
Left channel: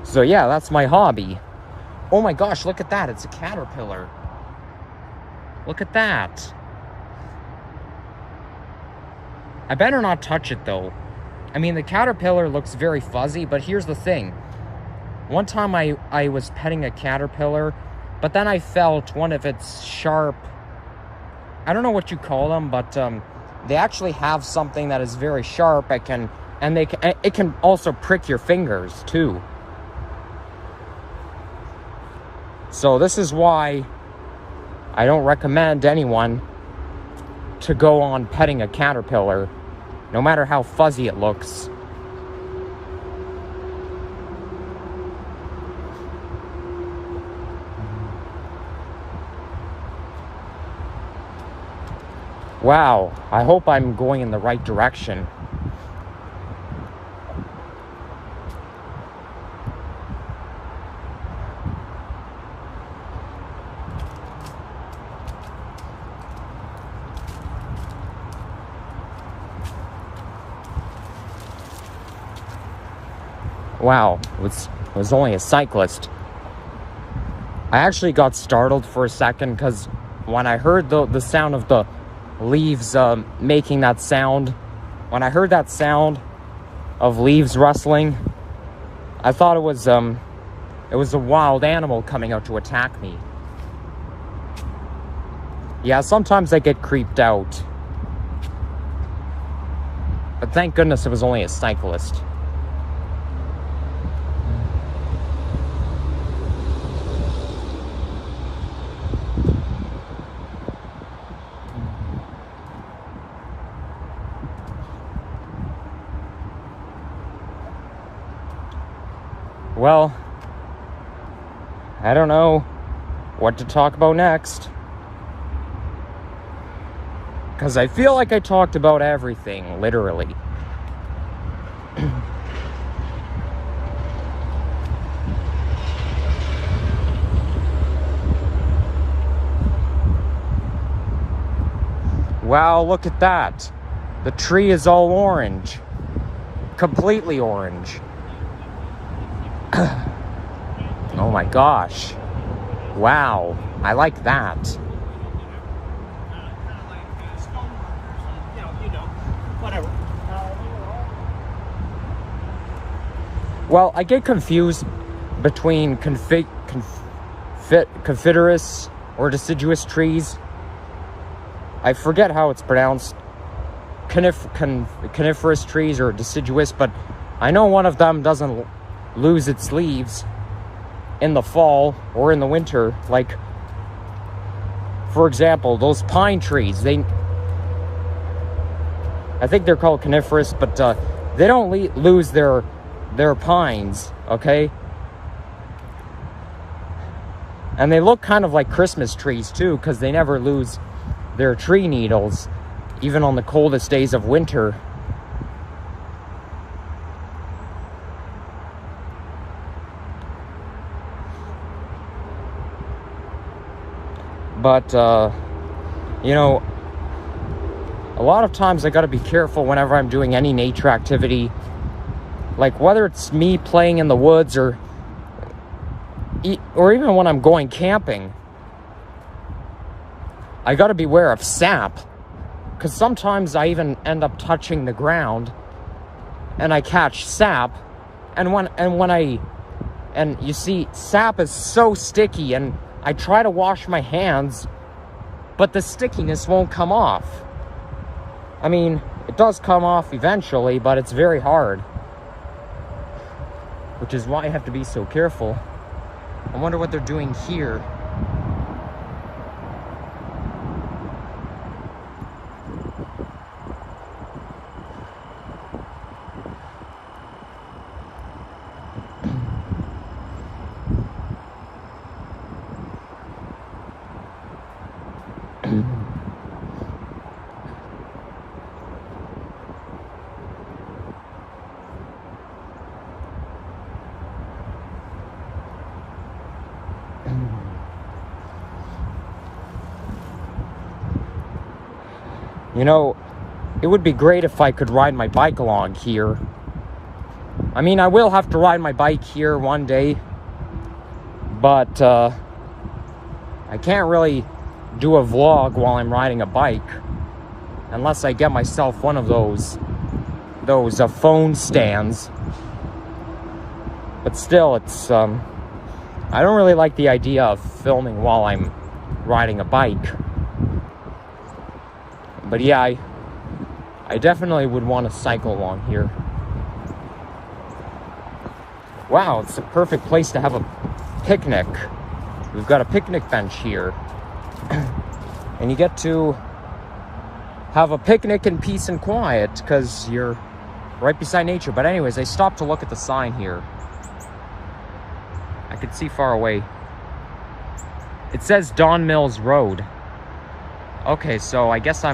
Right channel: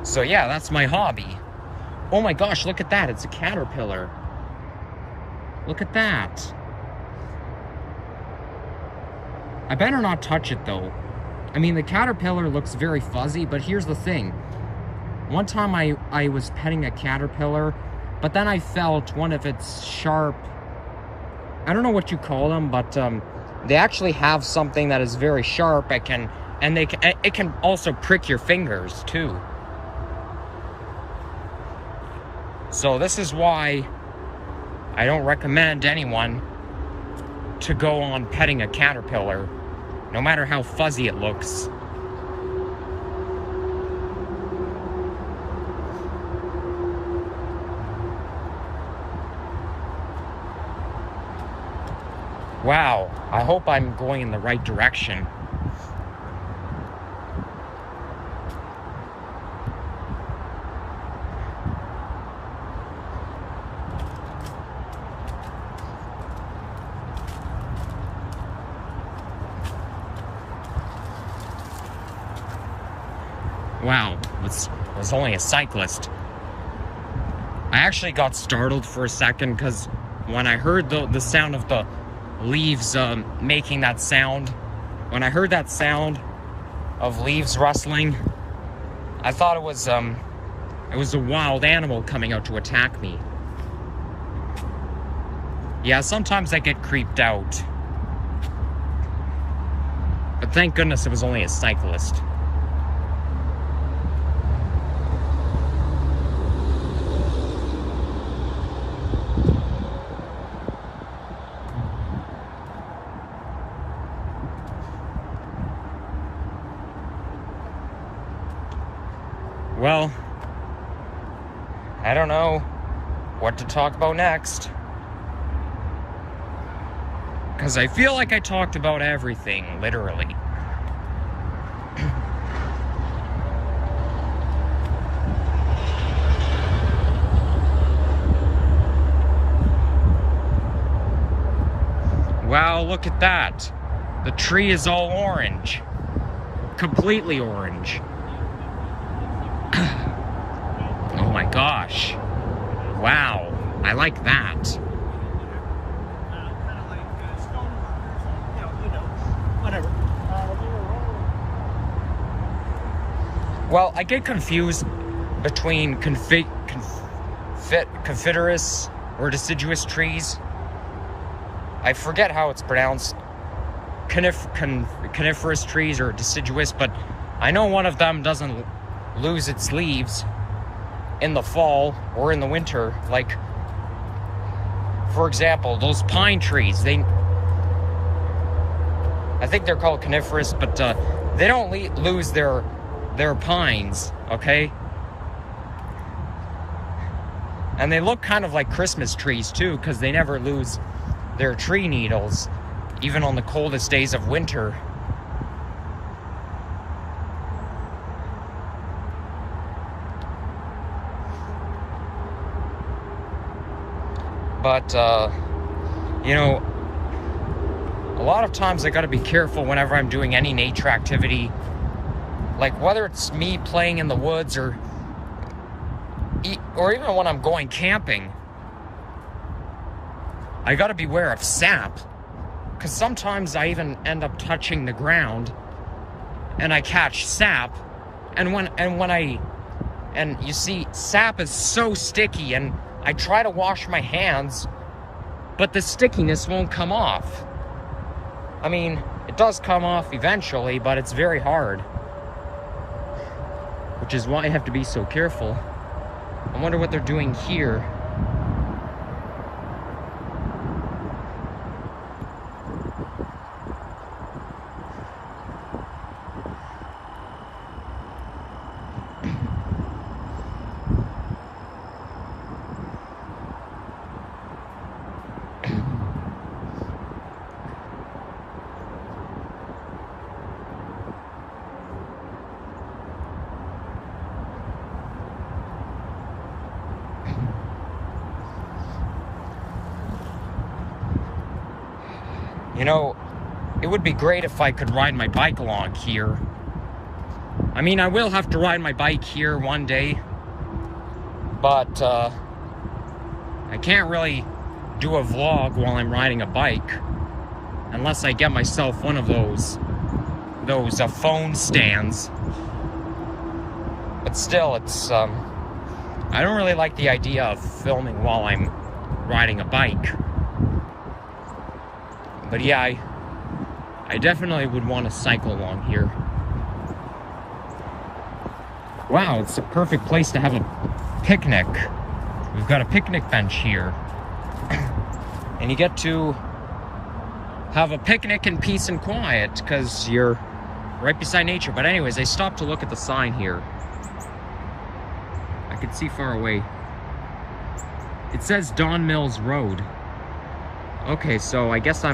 So yeah, that's my hobby. Oh my gosh, look at that. It's a caterpillar. Look at that. I better not touch it though. I mean, the caterpillar looks very fuzzy, but here's the thing. One time I was petting a caterpillar, but then I felt one of its sharp, I don't know what you call them, but they actually have something that is very sharp. It can also prick your fingers too. So this is why I don't recommend anyone to go on petting a caterpillar, no matter how fuzzy it looks. Wow, I hope I'm going in the right direction. Wow, it was only a cyclist. I actually got startled for a second because when I heard the sound of the leaves making that sound, when I heard that sound of leaves rustling, I thought it was a wild animal coming out to attack me. Yeah, sometimes I get creeped out. But thank goodness it was only a cyclist. Well, I don't know what to talk about next. Because I feel like I talked about everything, literally. Wow, look at that. The tree is all orange. Completely orange. Oh my gosh. Wow, I like that. Kind of like stoneworkers and, whatever. Well, I get confused between confidiferous or deciduous trees. I forget how it's pronounced. Coniferous trees or deciduous, but I know one of them doesn't lose its leaves in the fall or in the winter. Like, for example, those pine trees, I think they're called coniferous, but they don't lose their pines, okay? And they look kind of like Christmas trees too, because they never lose their tree needles, even on the coldest days of winter. But, a lot of times I gotta be careful whenever I'm doing any nature activity. Like, whether it's me playing in the woods or even when I'm going camping, I gotta beware of sap. Because sometimes I even end up touching the ground and I catch sap. And you see, sap is so sticky, and I try to wash my hands, but the stickiness won't come off. I mean, it does come off eventually, but it's very hard. Which is why I have to be so careful. I wonder what they're doing here. It would be great if I could ride my bike along here. I mean, I will have to ride my bike here one day, but I can't really do a vlog while I'm riding a bike unless I get myself one of those phone stands. But still, it's I don't really like the idea of filming while I'm riding a bike. But yeah, I definitely would want to cycle along here. Wow, it's a perfect place to have a picnic. We've got a picnic bench here. And you get to have a picnic in peace and quiet because you're right beside nature. But anyways, I stopped to look at the sign here. I could see far away. It says Don Mills Road. Okay, so I guess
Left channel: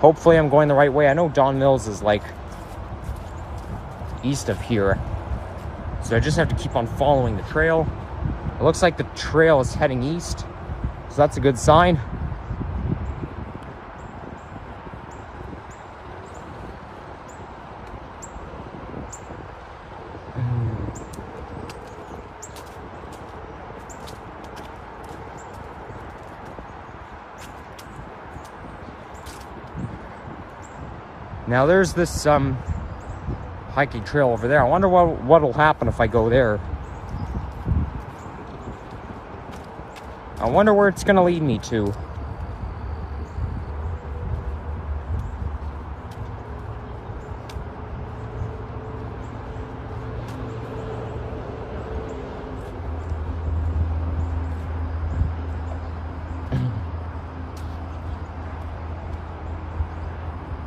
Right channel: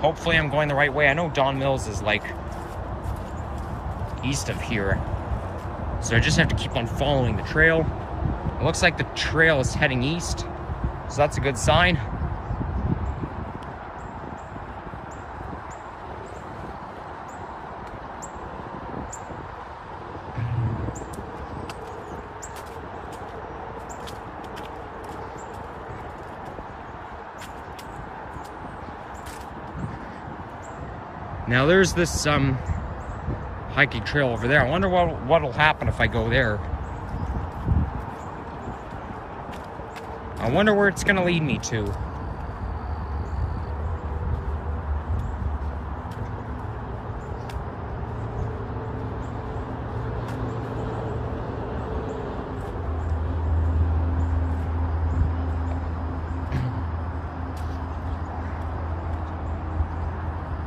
hopefully I'm going the right way. I know Don Mills is like east of here. So I just have to keep on following the trail. It looks like the trail is heading east, so that's a good sign. Now there's this hiking trail over there. I wonder what'll happen if I go there. I wonder where it's gonna lead me to.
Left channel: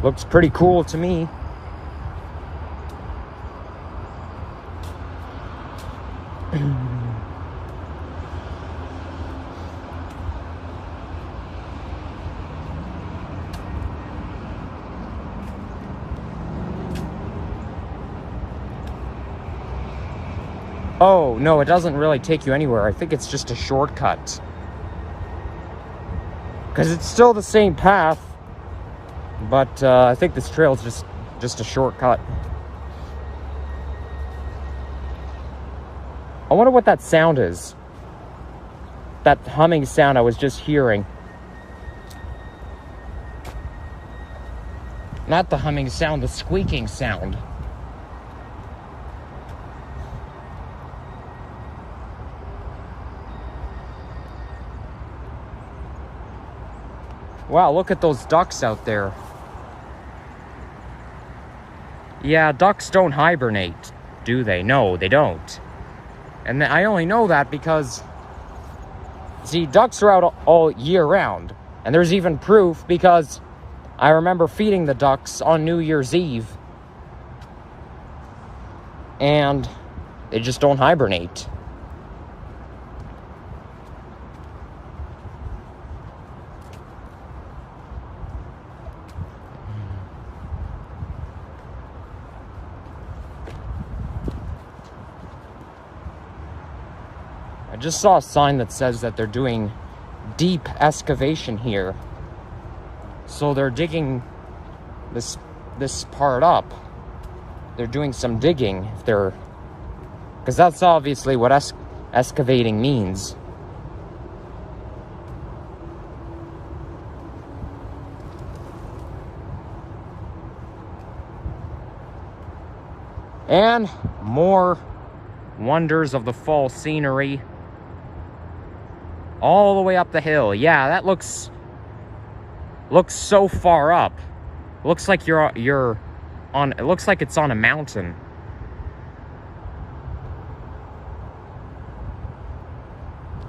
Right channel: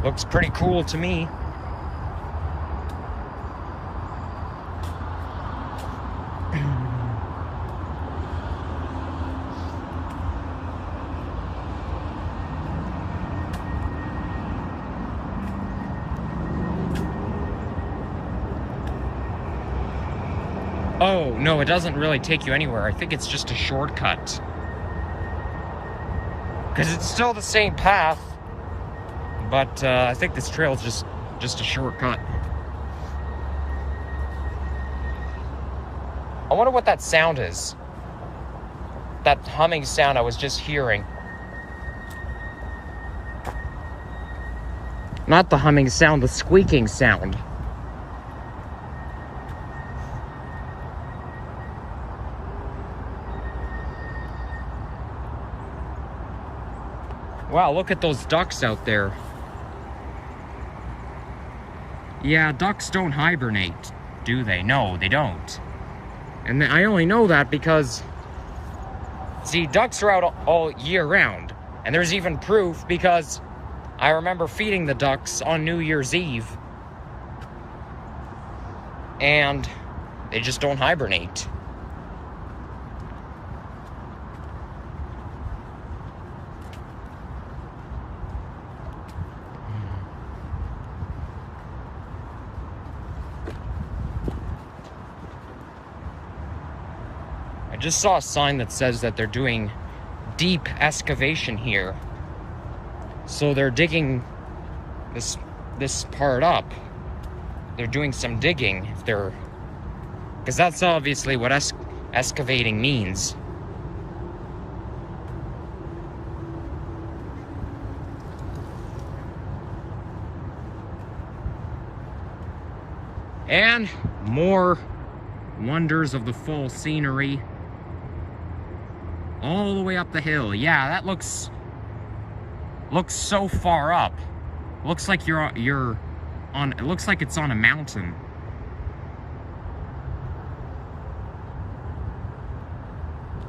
Looks pretty cool to me. Oh, no, it doesn't really take you anywhere. I think it's just a shortcut. Because it's still the same path. But I think this trail is just a shortcut. I wonder what that sound is. That humming sound I was just hearing. Not the humming sound, the squeaking sound. Wow, look at those ducks out there. Yeah, ducks don't hibernate, do they? No, they don't. And I only know that because, see, ducks are out all year round. And there's even proof because I remember feeding the ducks on New Year's Eve. And they just don't hibernate. I just saw a sign that says that they're doing deep excavation here. So they're digging this part up. They're doing some digging. Because that's obviously what excavating means. And more wonders of the fall scenery. All the way up the hill. Yeah, that looks so far up. Looks like you're on, it looks like it's on a mountain.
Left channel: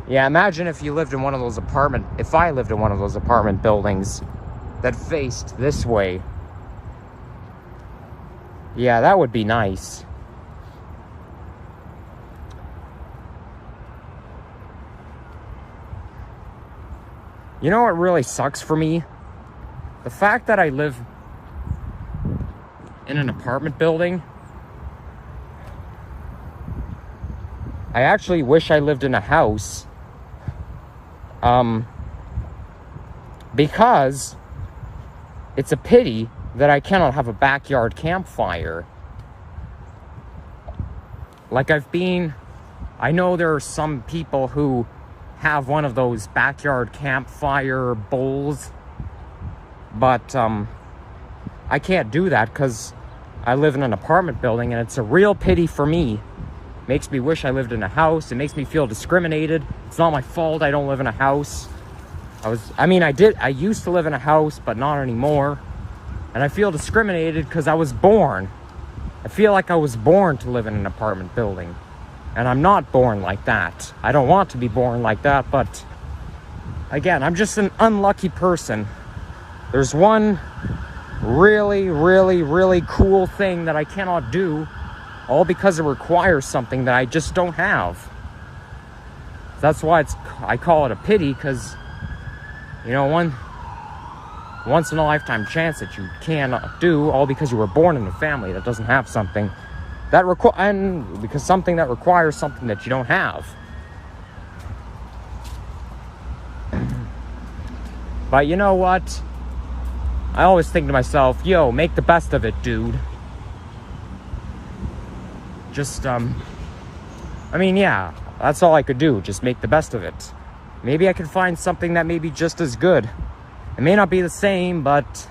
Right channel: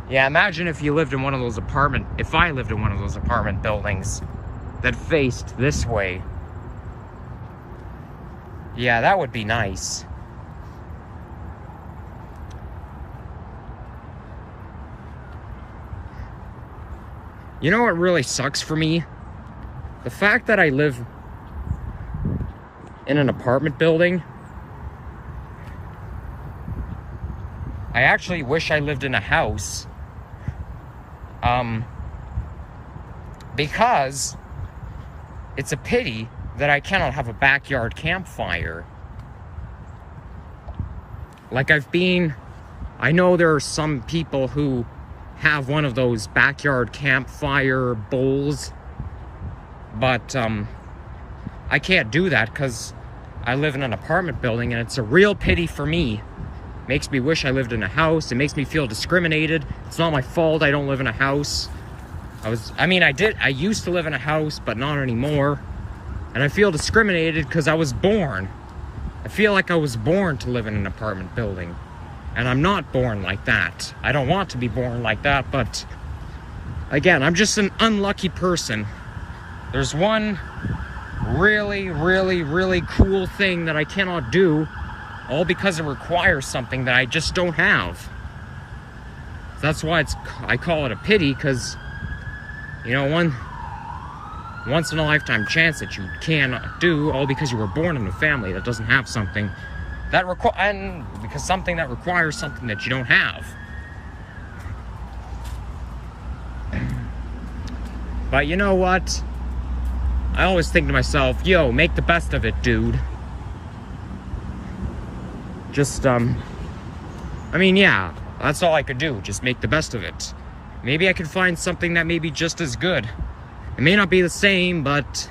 Yeah, imagine if you lived in one of those if I lived in one of those apartment buildings that faced this way. Yeah, that would be nice. You know what really sucks for me? The fact that I live in an apartment building. I actually wish I lived in a house. Because it's a pity that I cannot have a backyard campfire. Like I know there are some people who have one of those backyard campfire bowls, but I can't do that because I live in an apartment building, and it's a real pity for me. Makes me wish I lived in a house. It makes me feel discriminated. It's not my fault I don't live in a house. I used to live in a house, but not anymore. And I feel discriminated because I was born. I feel like I was born to live in an apartment building. And I'm not born like that. I don't want to be born like that, but again, I'm just an unlucky person. There's one really, really, really cool thing that I cannot do, all because it requires something that I just don't have. That's why I call it a pity, because, you know, once in a lifetime chance that you cannot do, all because you were born in a family that doesn't have something that because something that requires something that you don't have. But you know what? I always think to myself, yo, make the best of it, dude. Just, yeah, that's all I could do. Just make the best of it. Maybe I could find something that may be just as good. It may not be the same, but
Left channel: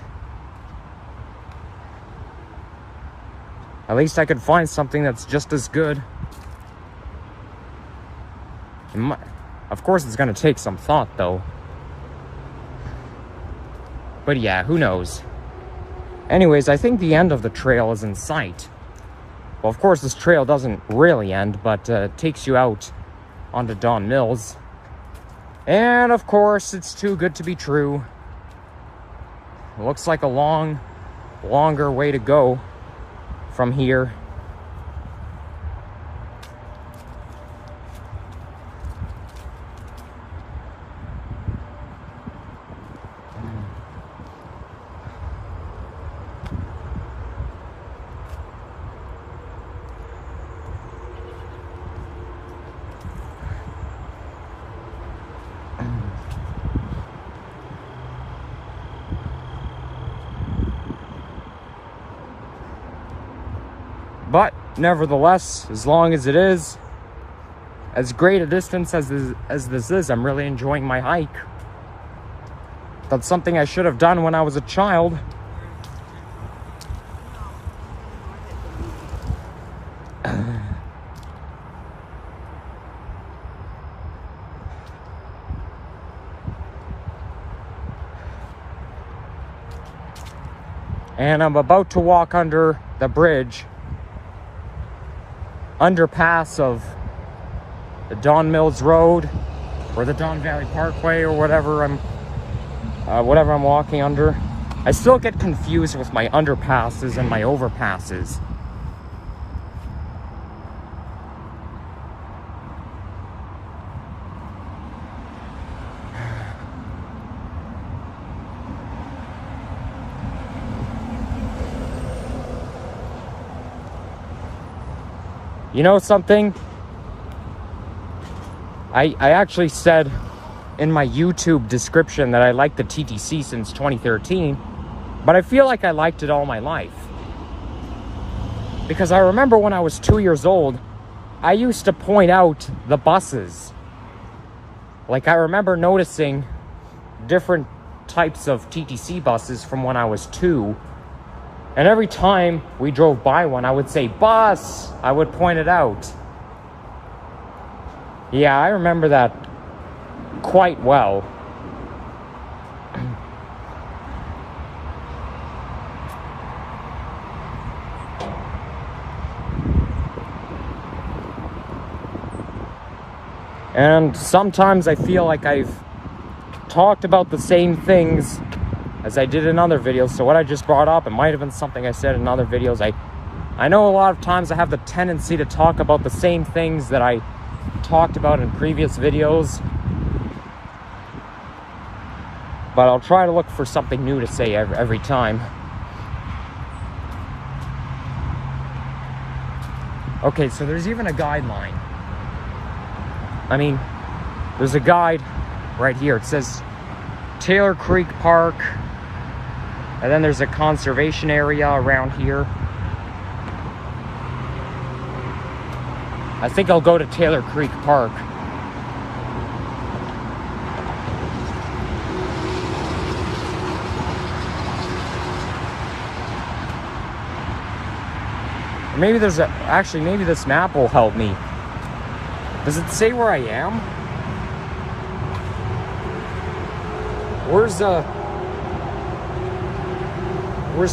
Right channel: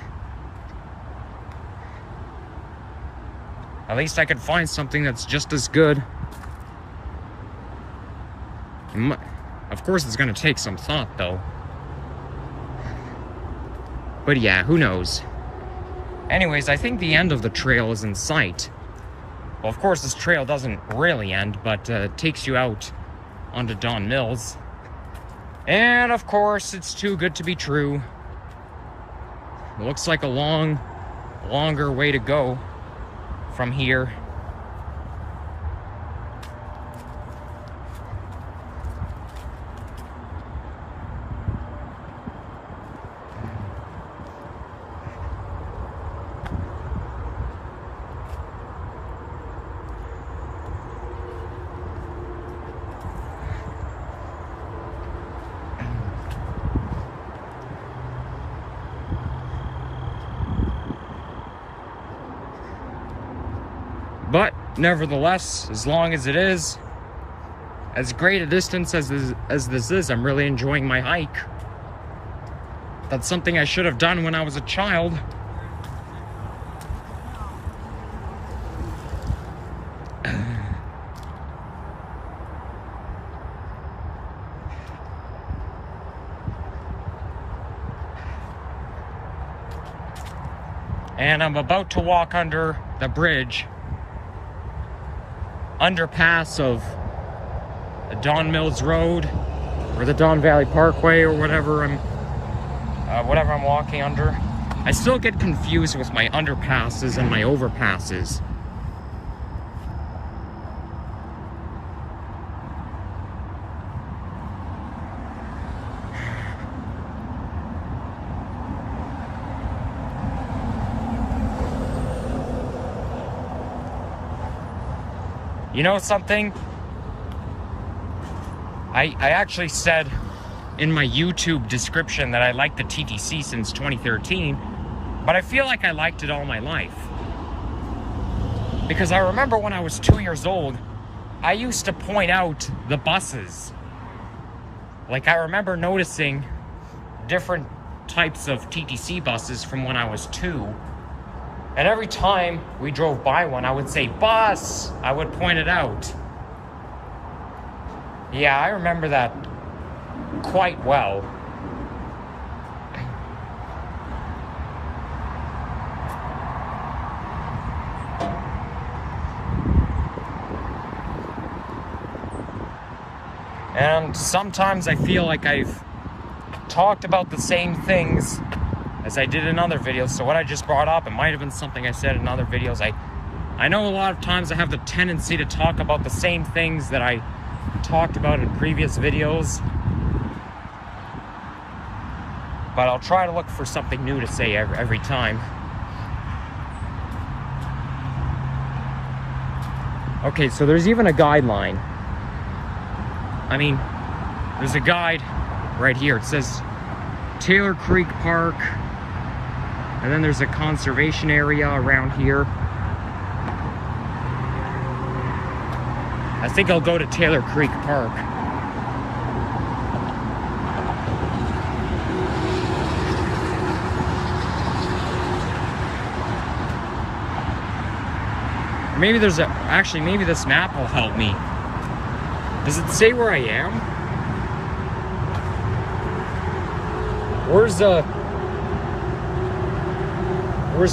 At least I could find something that's just as good. Of course, it's going to take some thought, though. But yeah, who knows? Anyways, I think the end of the trail is in sight. Well, of course, this trail doesn't really end, but takes you out onto Don Mills. And, of course, it's too good to be true. It looks like a longer way to go from here. But nevertheless, as long as it is as great a distance as this is, I'm really enjoying my hike. That's something I should have done when I was a child. And I'm about to walk under the bridge, underpass of the Don Mills Road or the Don Valley Parkway or whatever I'm walking under. I still get confused with my underpasses and my overpasses. You know something? I actually said in my YouTube description that I liked the TTC since 2013, but I feel like I liked it all my life. Because I remember when I was 2 years old, I used to point out the buses. Like, I remember noticing different types of TTC buses from when I was 2. And every time we drove by one, I would say, "Bus!" I would point it out. Yeah, I remember that quite well. And sometimes I feel like I've talked about the same things as I did in other videos. So what I just brought up, it might have been something I said in other videos. I know a lot of times I have the tendency to talk about the same things that I talked about in previous videos, but I'll try to look for something new to say every time. Okay, so there's even a guideline. I mean, there's a guide right here. It says Taylor Creek Park, and then there's a conservation area around here. I think I'll go to Taylor Creek Park. Or maybe there's a... Actually, maybe this map will help me. Does it say where I am? Where's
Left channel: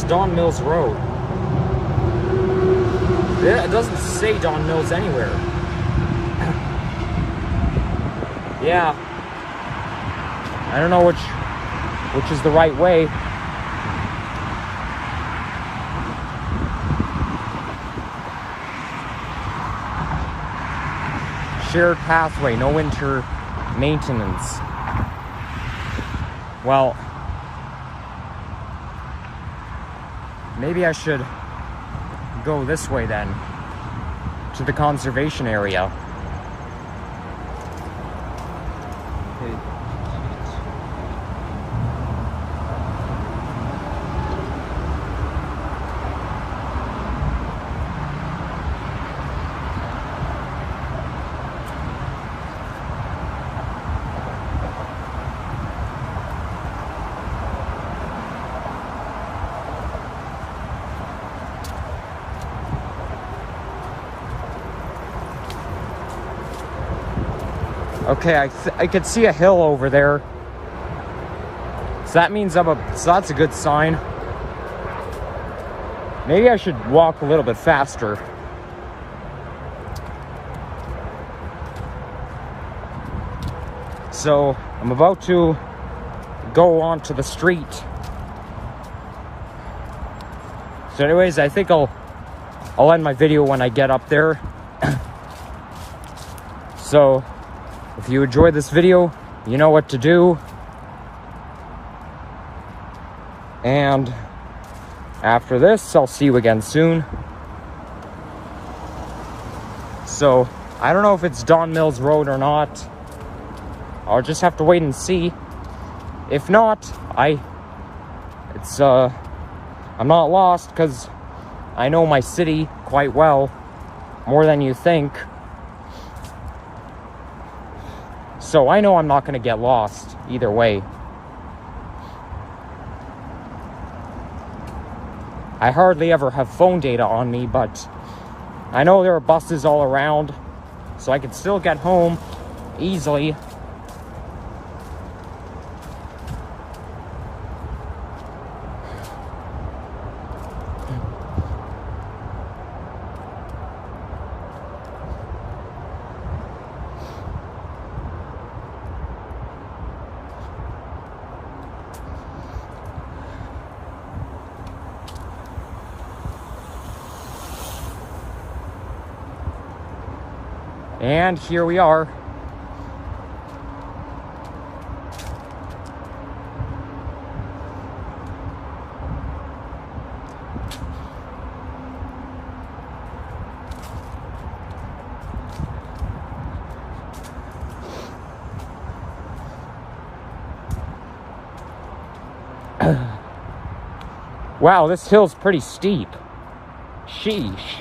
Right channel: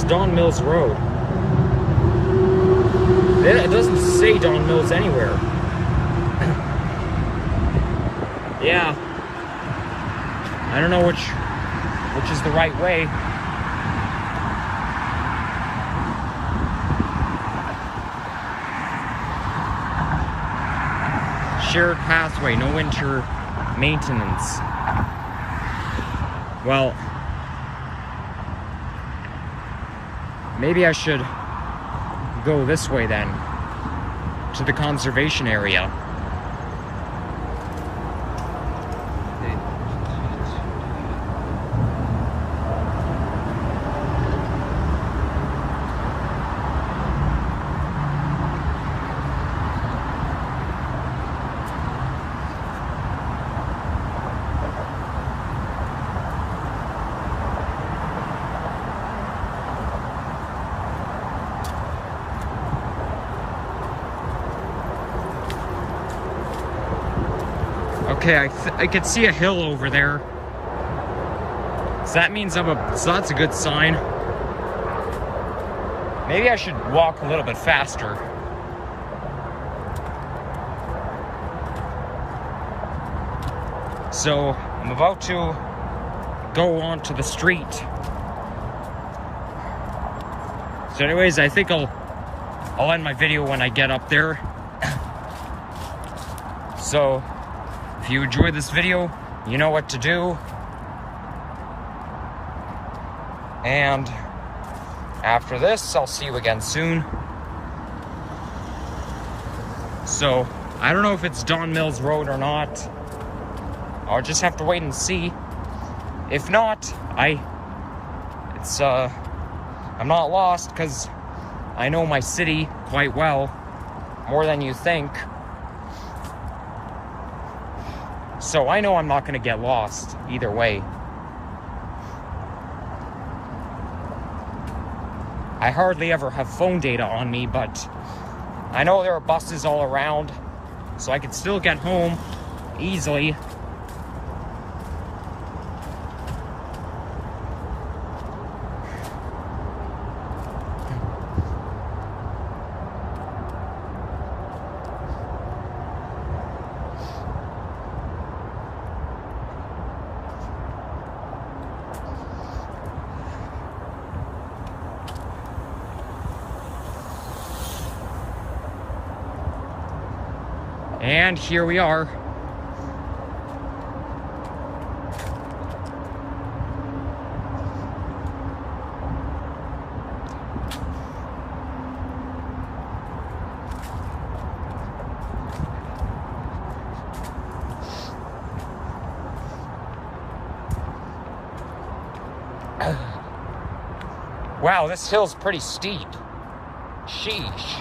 Don Mills Road? It doesn't say Don Mills anywhere. Yeah. I don't know which is the right way. Shared pathway, no winter maintenance. Well, maybe I should go this way then, to the conservation area. Okay, I could see a hill over there. So that means so that's a good sign. Maybe I should walk a little bit faster. So I'm about to go onto the street. So anyways, I think I'll end my video when I get up there. So if you enjoyed this video, you know what to do. And after this, I'll see you again soon. So I don't know if it's Don Mills Road or not. I'll just have to wait and see. If not, I'm not lost, because I know my city quite well, more than you think. So I know I'm not going to get lost either way. I hardly ever have phone data on me, but I know there are buses all around, so I can still get home easily. And here we are. Wow, this hill's pretty steep. Sheesh.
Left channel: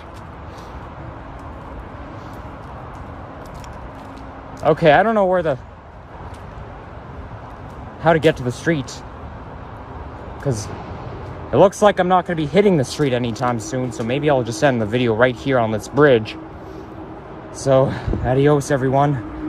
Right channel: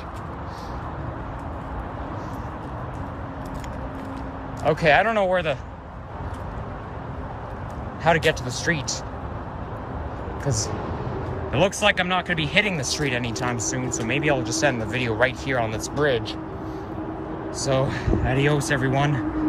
Okay, I don't know how to get to the street, because it looks like I'm not going to be hitting the street anytime soon, so maybe I'll just end the video right here on this bridge. So, adios everyone.